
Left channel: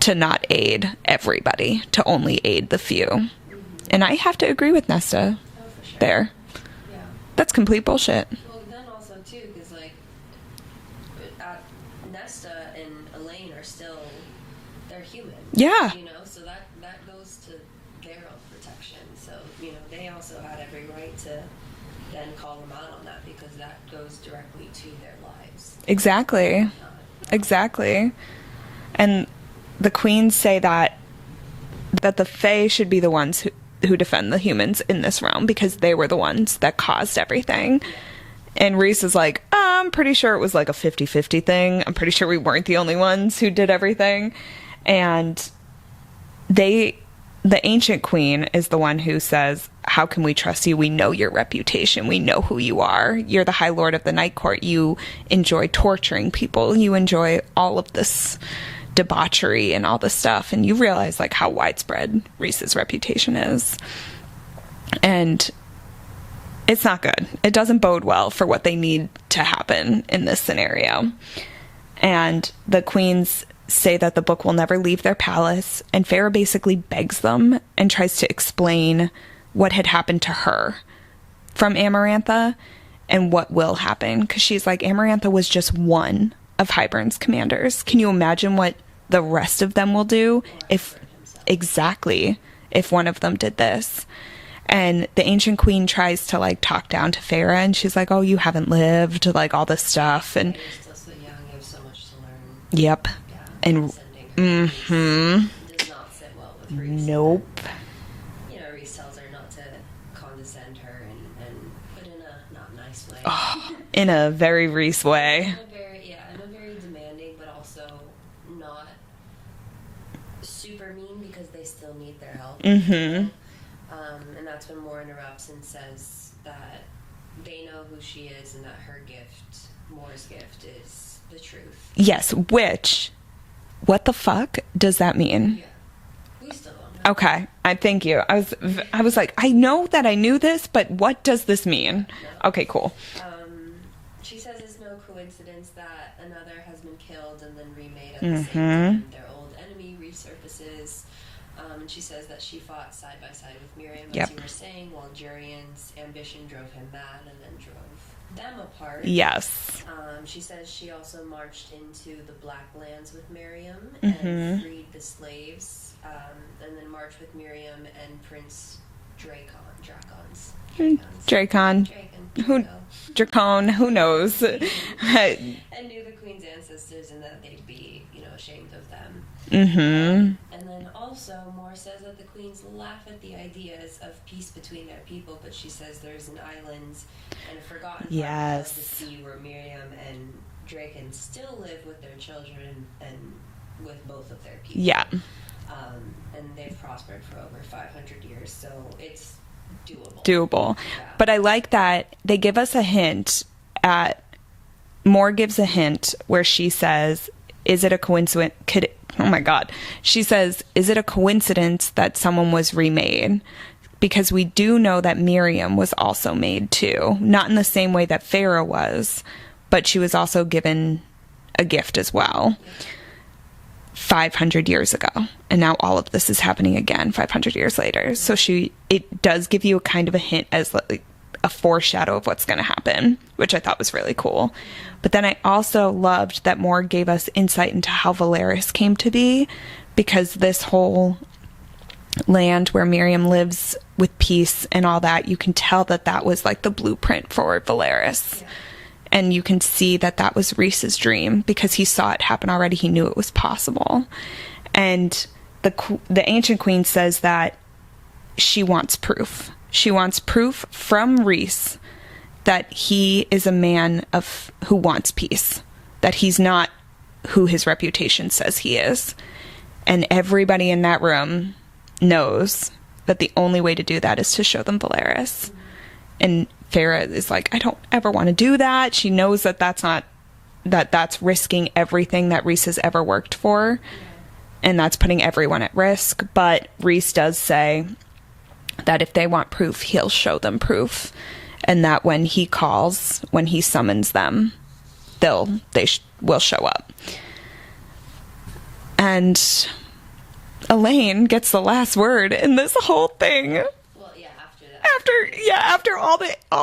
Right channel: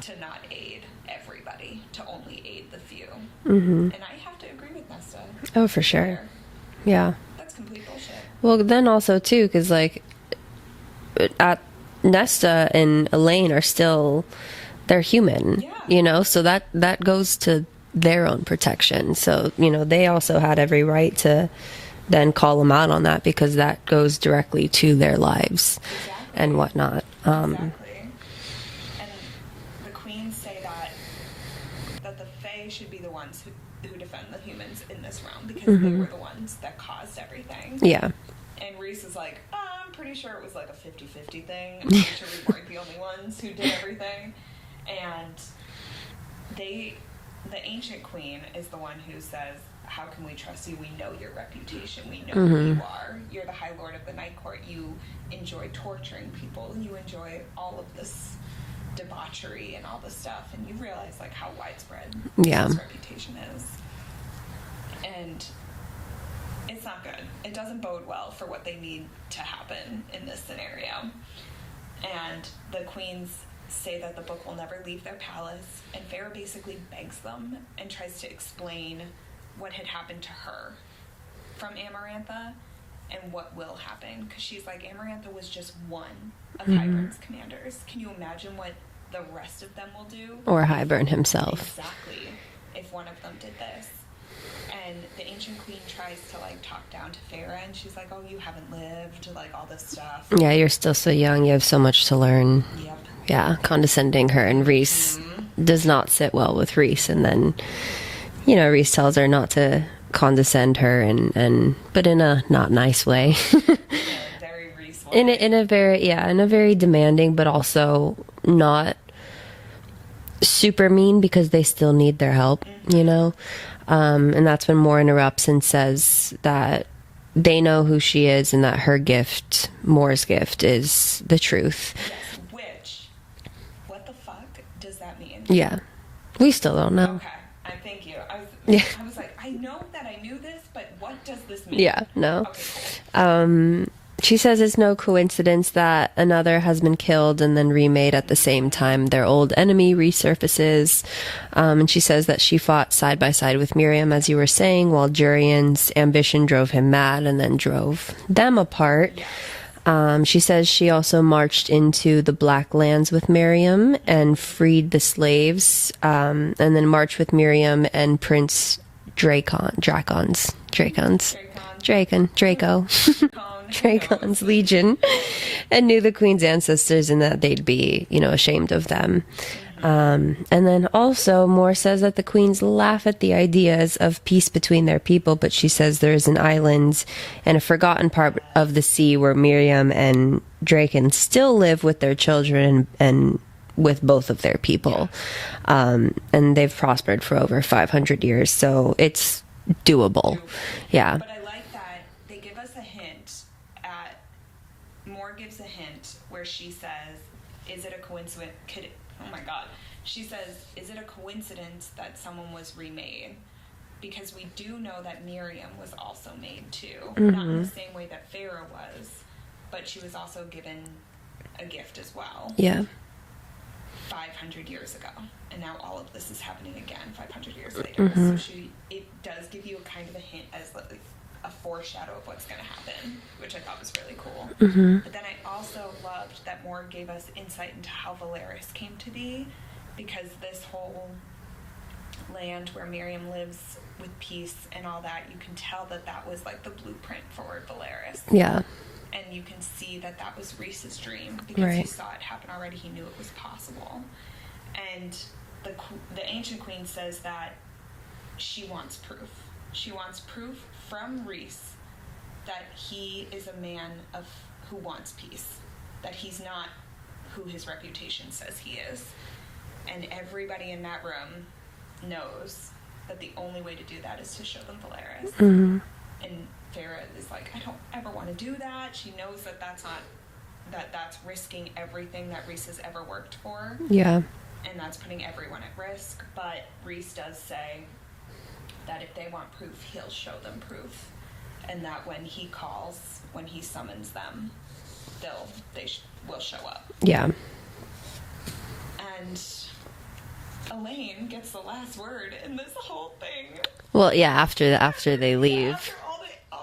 To not aid everybody, to only aid the few. Mm-hmm. And I have to agree with Nesta. Oh, for sure. There. Yeah. That's complete bullshit. Well, then also, too, because, Nesta and Elaine are still, they're human. Yeah. So that goes to their own protection. So, they also had every right to then call them out on that, because that goes directly to their lives. Exactly. And whatnot. Exactly. And the queens say that the Fae should be the ones who defend the humans in this realm, because they were the ones that caused everything. Yeah. And Rhys is like, I'm pretty sure it was a 50-50 thing. I'm pretty sure we weren't the only ones who did everything. And the ancient queen is the one who says, "How can we trust you? We know your reputation. We know who you are. You're the High Lord of the Night Court. You enjoy torturing people. You enjoy all of this debauchery and all this stuff." And you realize how widespread Rhys's reputation is. And it's not good. It doesn't bode well for what they need to happen in this scenario. And the queens say that the book will never leave their palace, and Feyre basically begs them and tries to explain what had happened to her from Amarantha and what will happen, because she's like, Amarantha was just one of Hybern's commanders. Can you imagine what the rest of them will do? Or Hybern himself. Exactly. If one of them did this. And the ancient queen tries to talk down to Feyre, and she's like, "Oh, you haven't lived," all this stuff. And, yeah, you're still so young. You have so much to learn. Yep. Yeah, condescending her, and Rhys does not sit well with Rhys. Nope. And then, Rhys tells her not to condescend her, but in a not nice way. In a very Rhys way. In a very demanding, but also not super mean, because they still need their help, And that's when Mor interrupts and says that they know who she is and that her gift, Moore's gift, is the truth. Yes, which, what the fuck does that mean? Yeah. We still don't know. Okay. Thank you. I was like, I know that I knew this, but what does this mean? Yeah, no. Okay, cool. She says it's no coincidence that another has been killed and then remade at the same time. Their old enemy resurfaces. And she says that she fought side by side with Miriam, as you were saying, while Jurian's ambition drove him mad and then drove them apart. Yes. She says she also marched into the Black Lands with Miriam and freed the slaves, and then marched with Miriam and Prince Draco. Who knows? Legion, and knew the queen's ancestors and that they'd be, ashamed of them. And then also Moore says that the queens laugh at the ideas of peace between their people, but she says there's an island and a forgotten part of the sea where Miriam and Draken still live with their children and with both of their people. Yeah. And they've prospered for over 500 years, so it's doable. Yeah. But I like that they give us a hint Moore gives a hint where she says, is it a coincidence? She says, is it a coincidence that someone was remade? Because we do know that Miriam was also made too. Not in the same way that Farah was, but she was also given a gift as well. Yeah. 500 years ago, and now all of this is happening again 500 years later. So it does give you a kind of a hint as like a foreshadow of what's going to happen, which I thought was really cool. But then I also loved that Moore gave us insight into how Valeris came to be, because this whole land where Miriam lives with peace and all that, you can tell that that was like the blueprint for Valeris. Yeah. And you can see that that was Rhys's dream, because he saw it happen already. He knew it was possible. And the ancient queen says that she wants proof. She wants proof from Rhys that he is a man who wants peace, that he's not who his reputation says he is. And everybody in that room knows that the only way to do that is to show them Valeris. And Farah is like, I don't ever want to do that. She knows that that's risking everything that Rhys has ever worked for. Yeah. And that's putting everyone at risk. But Rhys does say that if they want proof, he'll show them proof. And that when he summons them, they will show up. Yeah. And Elaine gets the last word in this whole thing. Well, yeah, after they leave. Yeah, after all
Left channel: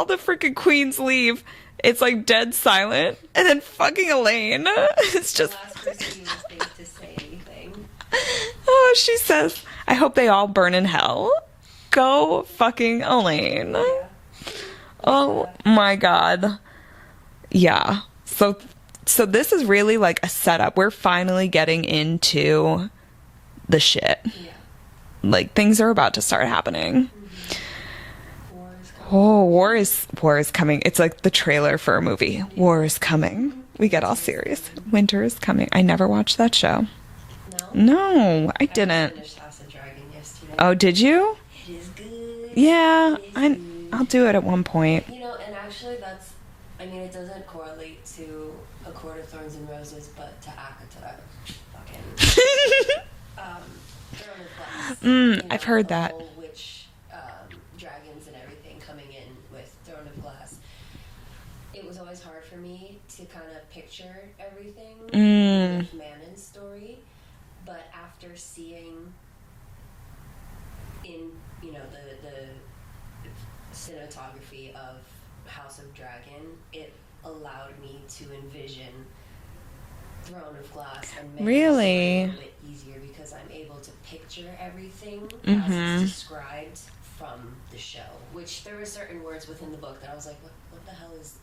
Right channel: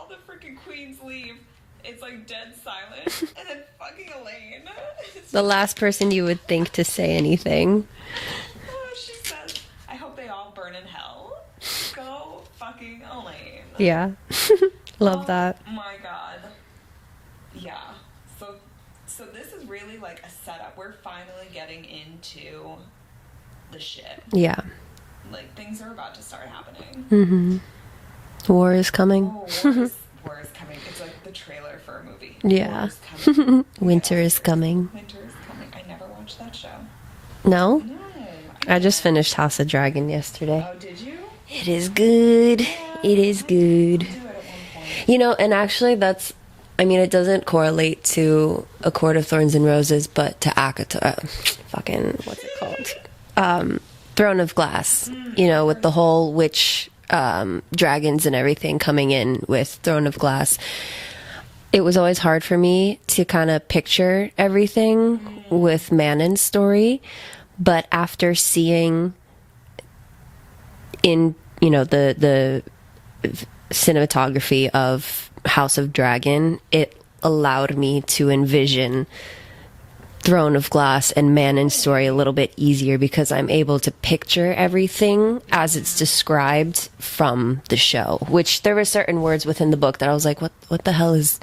the freaking queens leave, it's like dead silent. And then fucking Elaine. It's the last person you would think to say anything. Oh, she says, I hope they all burn in hell. Go fucking Elaine. Yeah. Love that. Oh my God. Yeah. So this is really like a setup. We're finally getting into the shit. Yeah. Like, things are about to start happening. War is coming. Oh, war is coming. It's like the trailer for a movie. Yeah. War is coming. We get all serious. Winter is coming. I never watched that show. No? No, I didn't. I just finished House of Dragon yesterday. Oh, did you? It is good. Yeah. It is good. I'll do it at one point. And actually it doesn't correlate to A Court of Thorns and Roses, but to Throne of Glass, with the whole witch dragons and everything coming in with Throne of Glass. It was always hard for me to kind of picture everything with Manon's story, but after seeing in the cinematography of House of Dragon, it allowed me to envision Throne of Glass and Manon's story a little bit easier, because I'm able to picture everything as it's described from the show, which there were certain words within the book that I was like, what the hell is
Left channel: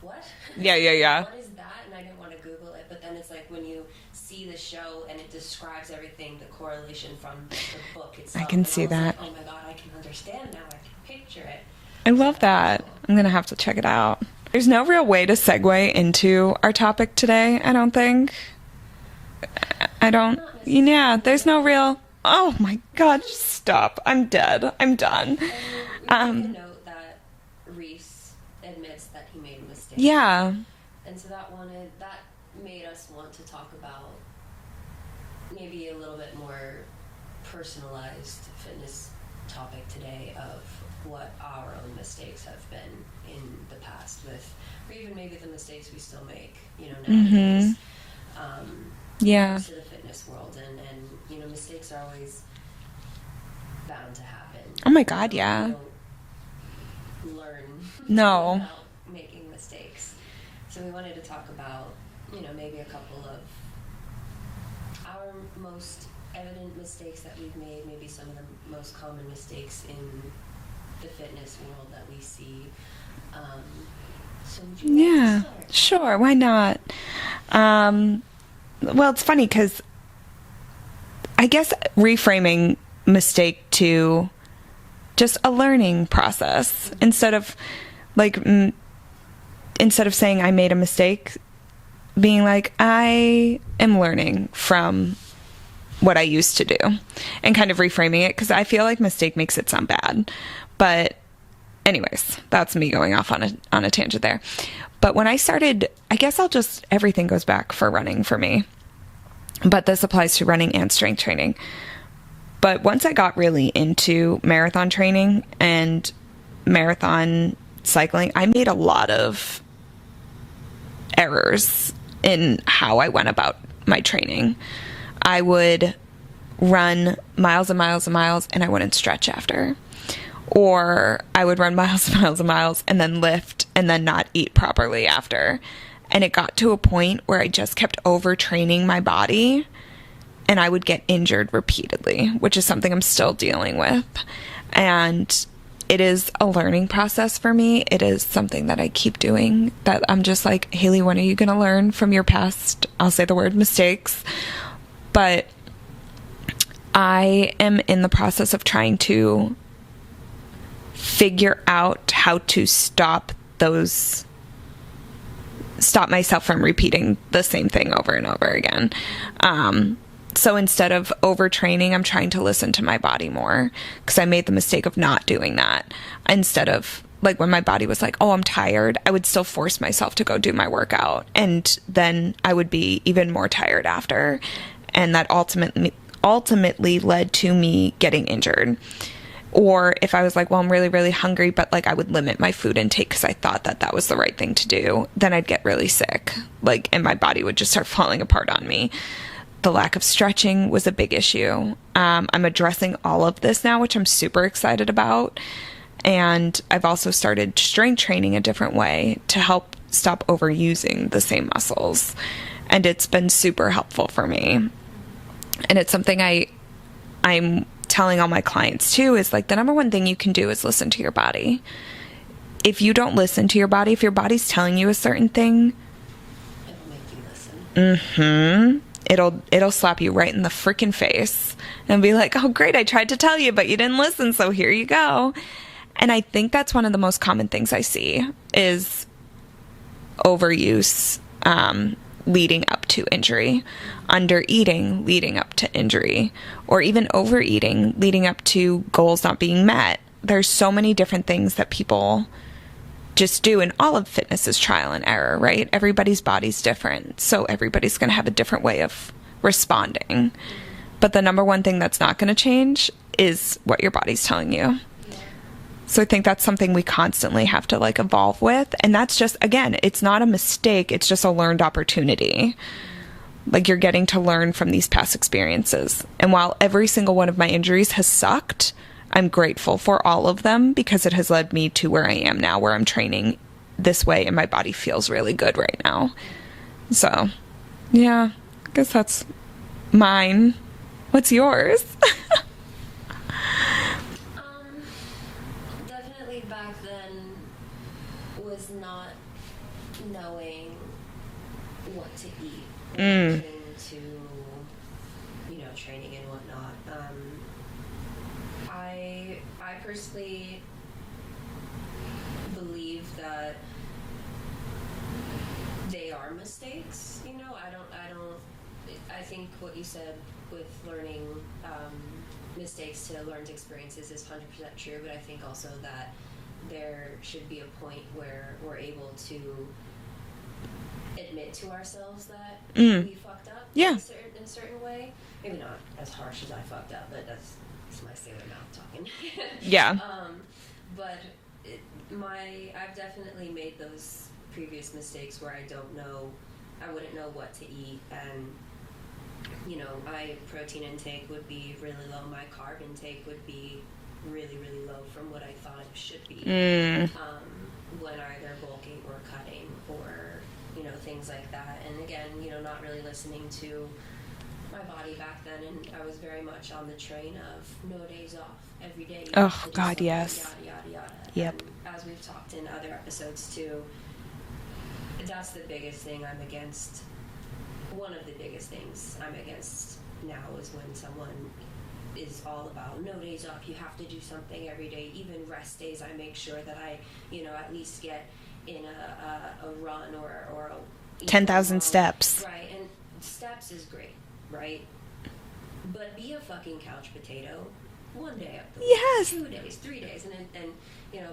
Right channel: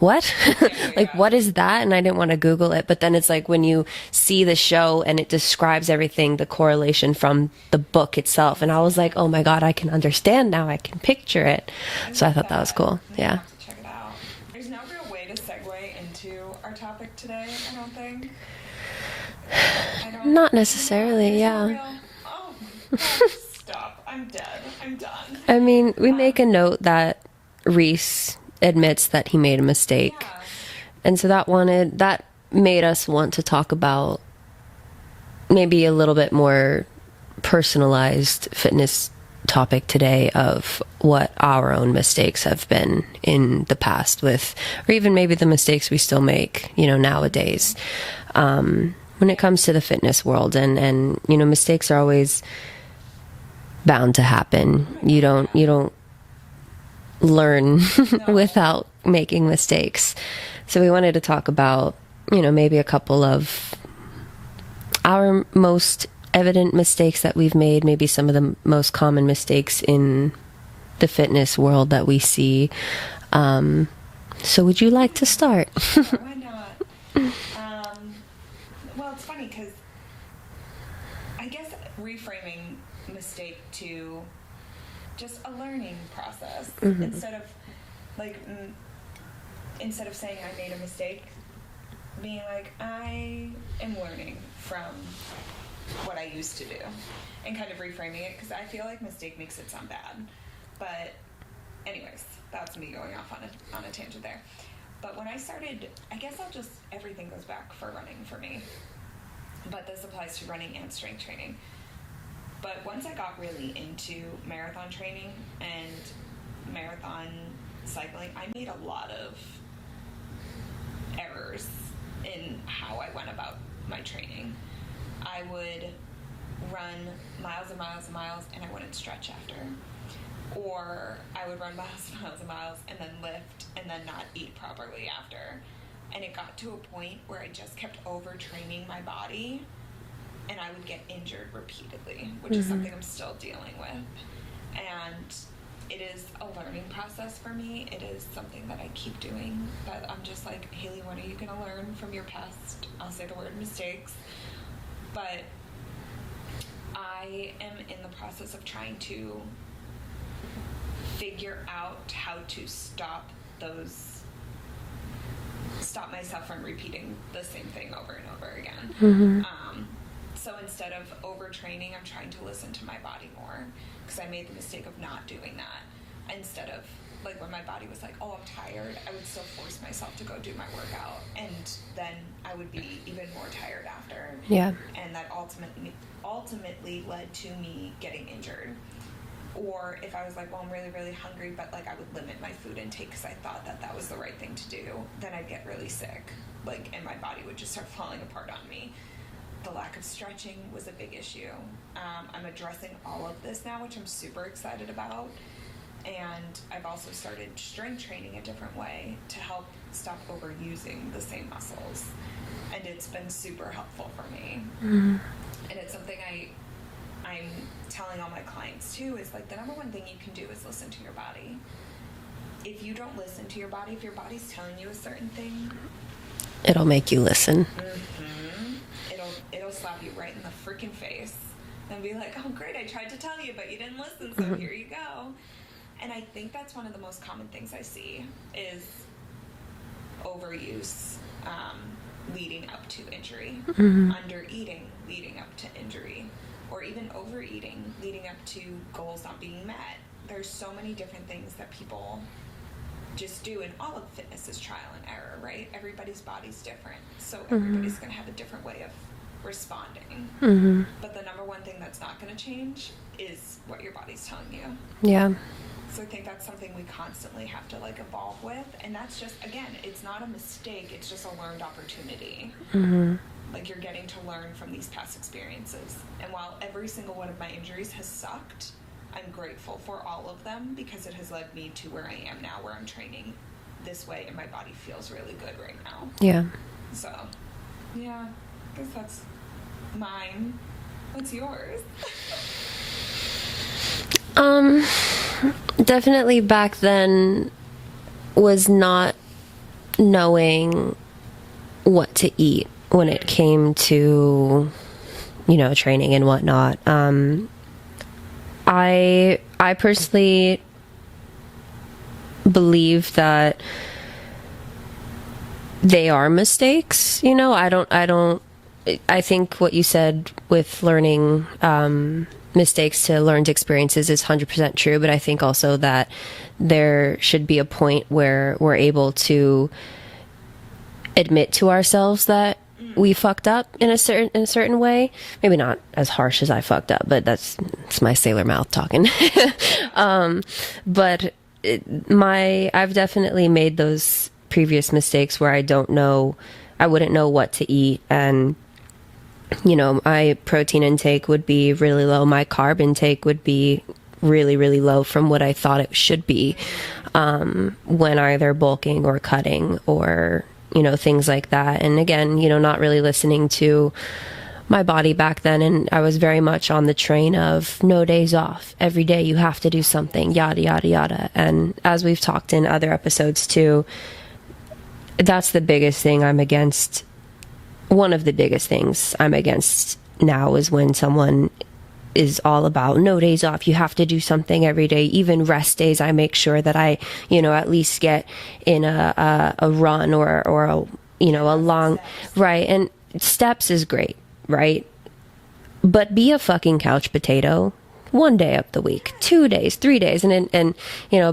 what? Yeah. What is that? And I didn't want to Google it, but then it's like when you see the show and it describes everything, the correlation from the book itself, and I was like, oh my God, I can understand now. I can picture it. I thought that. That was cool. I'm gonna have to check it out. There's no real way to segue into our topic today, I don't think. Not necessarily. Yeah, there's no real... Oh my God, stop. I'm dead. I'm done. I mean, we make a note that Rhys admits that he made a mistake. Yeah. And so that made us want to talk about maybe a little bit more personalized fitness topic today of what our own mistakes have been in the past with, or even maybe the mistakes we still make, nowadays, when it comes to the fitness world. And mistakes are always bound to happen. Oh my God, you don't learn No. without making mistakes. So we wanted to talk about, maybe a couple of our most evident mistakes that we've made, maybe some of the most common mistakes in the fitness world that we see. So would you like to start? Sure, why not? Well, it's funny because I guess reframing mistake to just a learning process, instead of saying I made a mistake, being like, I am learning from what I used to do, and kind of reframing it, because I feel like mistake makes it sound bad. But anyways, that's me going off on a tangent there. But when I started, I guess everything goes back for running for me, but this applies to running and strength training. But once I got really into marathon training and marathon cycling, I made a lot of errors in how I went about my training. I would run miles and miles and miles and I wouldn't stretch after. Or I would run miles and miles and miles and then lift and then not eat properly after. And it got to a point where I just kept overtraining my body and I would get injured repeatedly, which is something I'm still dealing with. And it is a learning process for me. It is something that I keep doing, that I'm just like, Haley, when are you going to learn from your past, I'll say the word, mistakes? But I am in the process of trying to figure out how to stop myself from repeating the same thing over and over again. So instead of overtraining, I'm trying to listen to my body more, because I made the mistake of not doing that. Instead of, like, when my body was like, oh, I'm tired, I would still force myself to go do my workout. And then I would be even more tired after. Yeah. And that ultimately led to me getting injured. Or if I was like, well, I'm really, really hungry, but like I would limit my food intake because I thought that was the right thing to do, then I'd get really sick, and my body would just start falling apart on me. The lack of stretching was a big issue. I'm addressing all of this now, which I'm super excited about. And I've also started strength training a different way to help stop overusing the same muscles. And it's been super helpful for me. And it's something I'm telling all my clients too, is like, the number one thing you can do is listen to your body. If you don't listen to your body, if your body's telling you a certain thing, it'll make you listen. It'll slap you right in the freaking face and be like, oh great, I tried to tell you, but you didn't listen, so here you go. And I think that's one of the most common things I see is overuse leading up to injury, under eating leading up to injury, or even overeating leading up to goals not being met. There's so many different things that people just do, and all of fitness is trial and error, right? Everybody's body's different, so everybody's going to have a different way of responding. But the number one thing that's not going to change is what your body's telling you. Yeah. So I think that's something we constantly have to evolve with. And that's just, again, it's not a mistake. It's just a learned opportunity. You're getting to learn from these past experiences. And while every single one of my injuries has sucked, I'm grateful for all of them, because it has led me to where I am now, where I'm training this way and my body feels really good right now. Yeah. So, yeah, I guess that's mine. What's yours? Definitely back then was not knowing what to eat when it came to, training and whatnot. I personally believe that they are mistakes. I think what you said with learning, mistakes to learned experiences is 100% true, but I think also that there should be a point where we're able to admit to ourselves that we fucked up in a certain way. Maybe not as harsh as I fucked up, but it's my sailor mouth talking. But I've definitely made those previous mistakes where I wouldn't know what to eat, and my protein intake would be really low, my carb intake would be really, really low from what I thought it should be when either bulking or cutting or things like that. And again, not really listening to my body back then, and I was very much on the train of no days off. Every day you have to do something, yada, yada, yada. And as we've talked in other episodes too, that's the biggest thing I'm against. One of the biggest things I'm against now is when someone is all about no days off. You have to do something every day. Even rest days, I make sure that I, at least get in a run or a 10,000 steps. Right. And steps is great, right? But be a fucking couch potato 1 day of the week, 2 days, 3 days. And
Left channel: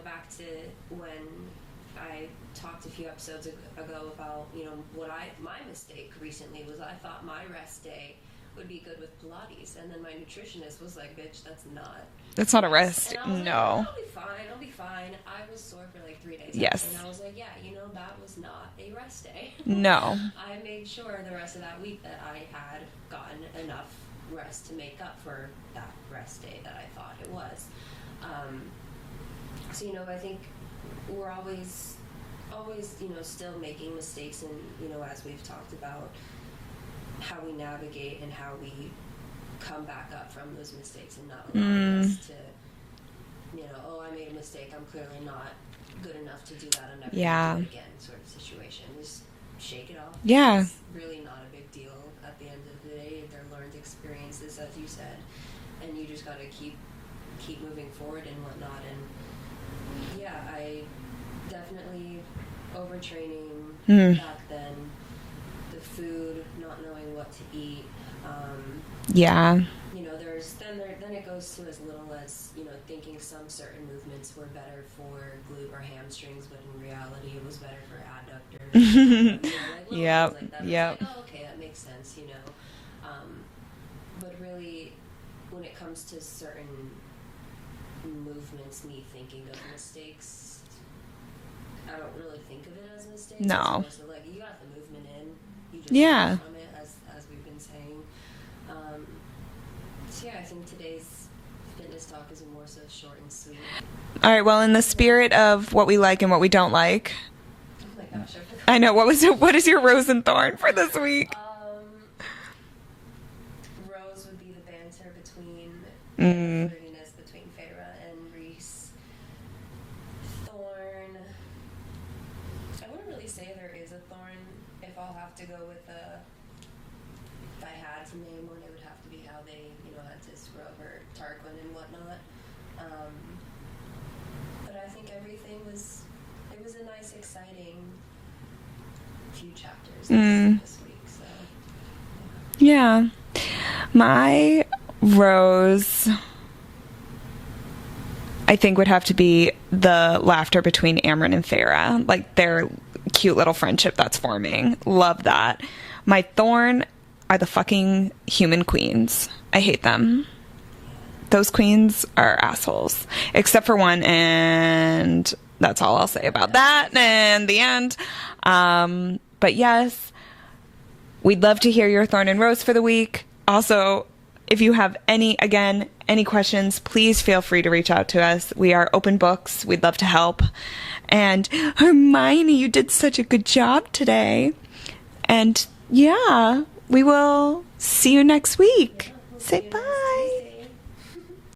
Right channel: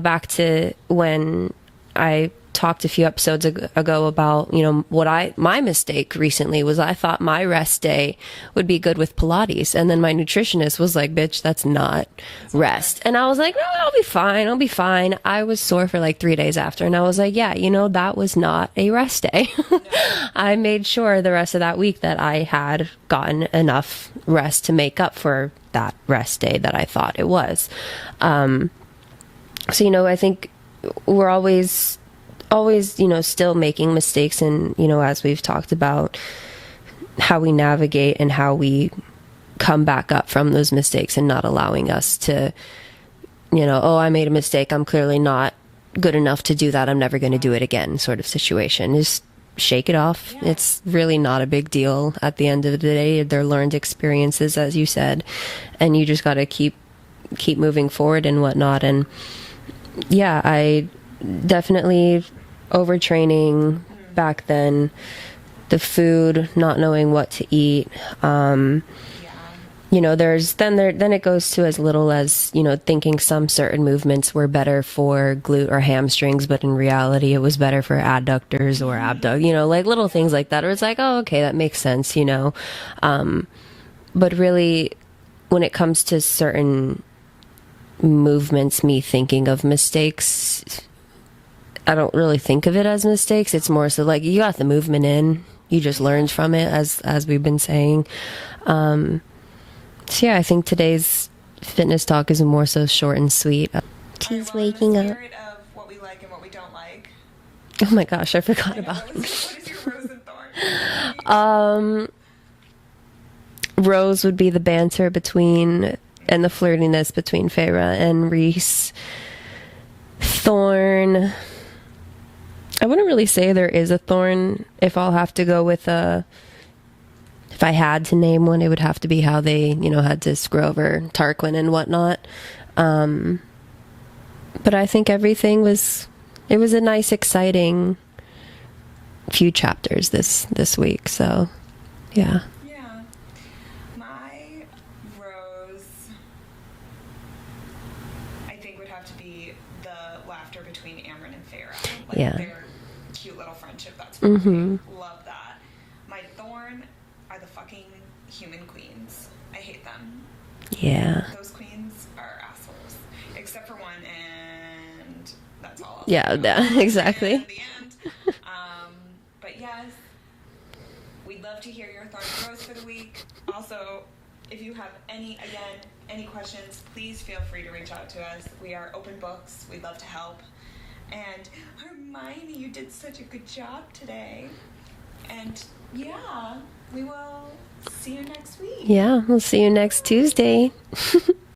back to when I talked a few episodes ago about my mistake recently was I thought my rest day would be good with Pilates, and then my nutritionist was like, bitch, that's not rest. And I was like, I'll be fine. I was sore for like 3 days after, and I was like, that was not a rest day. No. I made sure the rest of that week that I had gotten enough rest to make up for that rest day that I thought it was. So I think we're always still making mistakes, and as we've talked about how we navigate and how we come back up from those mistakes, and not allowing us to I made a mistake, I'm clearly not good enough to do that, I'm never going to do it again sort of situation. Just shake it off. It's really not a big deal at the end of the day. They're learned experiences, as you said, and you just got to keep moving forward and whatnot. And I definitely overtraining back then, the food, not knowing what to eat. Then it goes to as little as thinking some certain movements were better for glute or hamstrings, but in reality it was better for adductors or abduct, like little things like that, or it's like, oh, okay, that makes sense. But really, when it comes to certain movements, me thinking of mistakes, I don't really think of it as mistakes. No. It's more so like you got the movement in, you just learned from it, as we've been saying. I think today's fitness talk is more so short and sweet. All right, well, in the spirit of what we like and what we don't like. Oh my gosh, I forgot. I know. What is your rose and thorn for this week? Rose would be the banter between and the flirtiness between Feyre and Reese. Thorn, I wouldn't really say there is a thorn. If I'll have to go with if I had to name one, it would have to be how they, had to screw over Tarquin and whatnot. But I think everything was a nice, exciting few chapters this week. So, yeah. Yeah. My rose, I think, would have to be the laughter between Amren and Feyre. Like their cute little friendship that's forming. Love that. My thorn are the fucking human queens. I hate them. Yeah. Those queens are assholes. Except for one, and that's all I'll say about that. Exactly. In the end. But yes, we'd love to hear your thorn and rose for the week. Also, if you have any questions, please feel free to reach out to us. We are open books. We'd love to help. And Hermione, you did such a good job today. And we will see you next week. Yeah, we'll see you next Tuesday.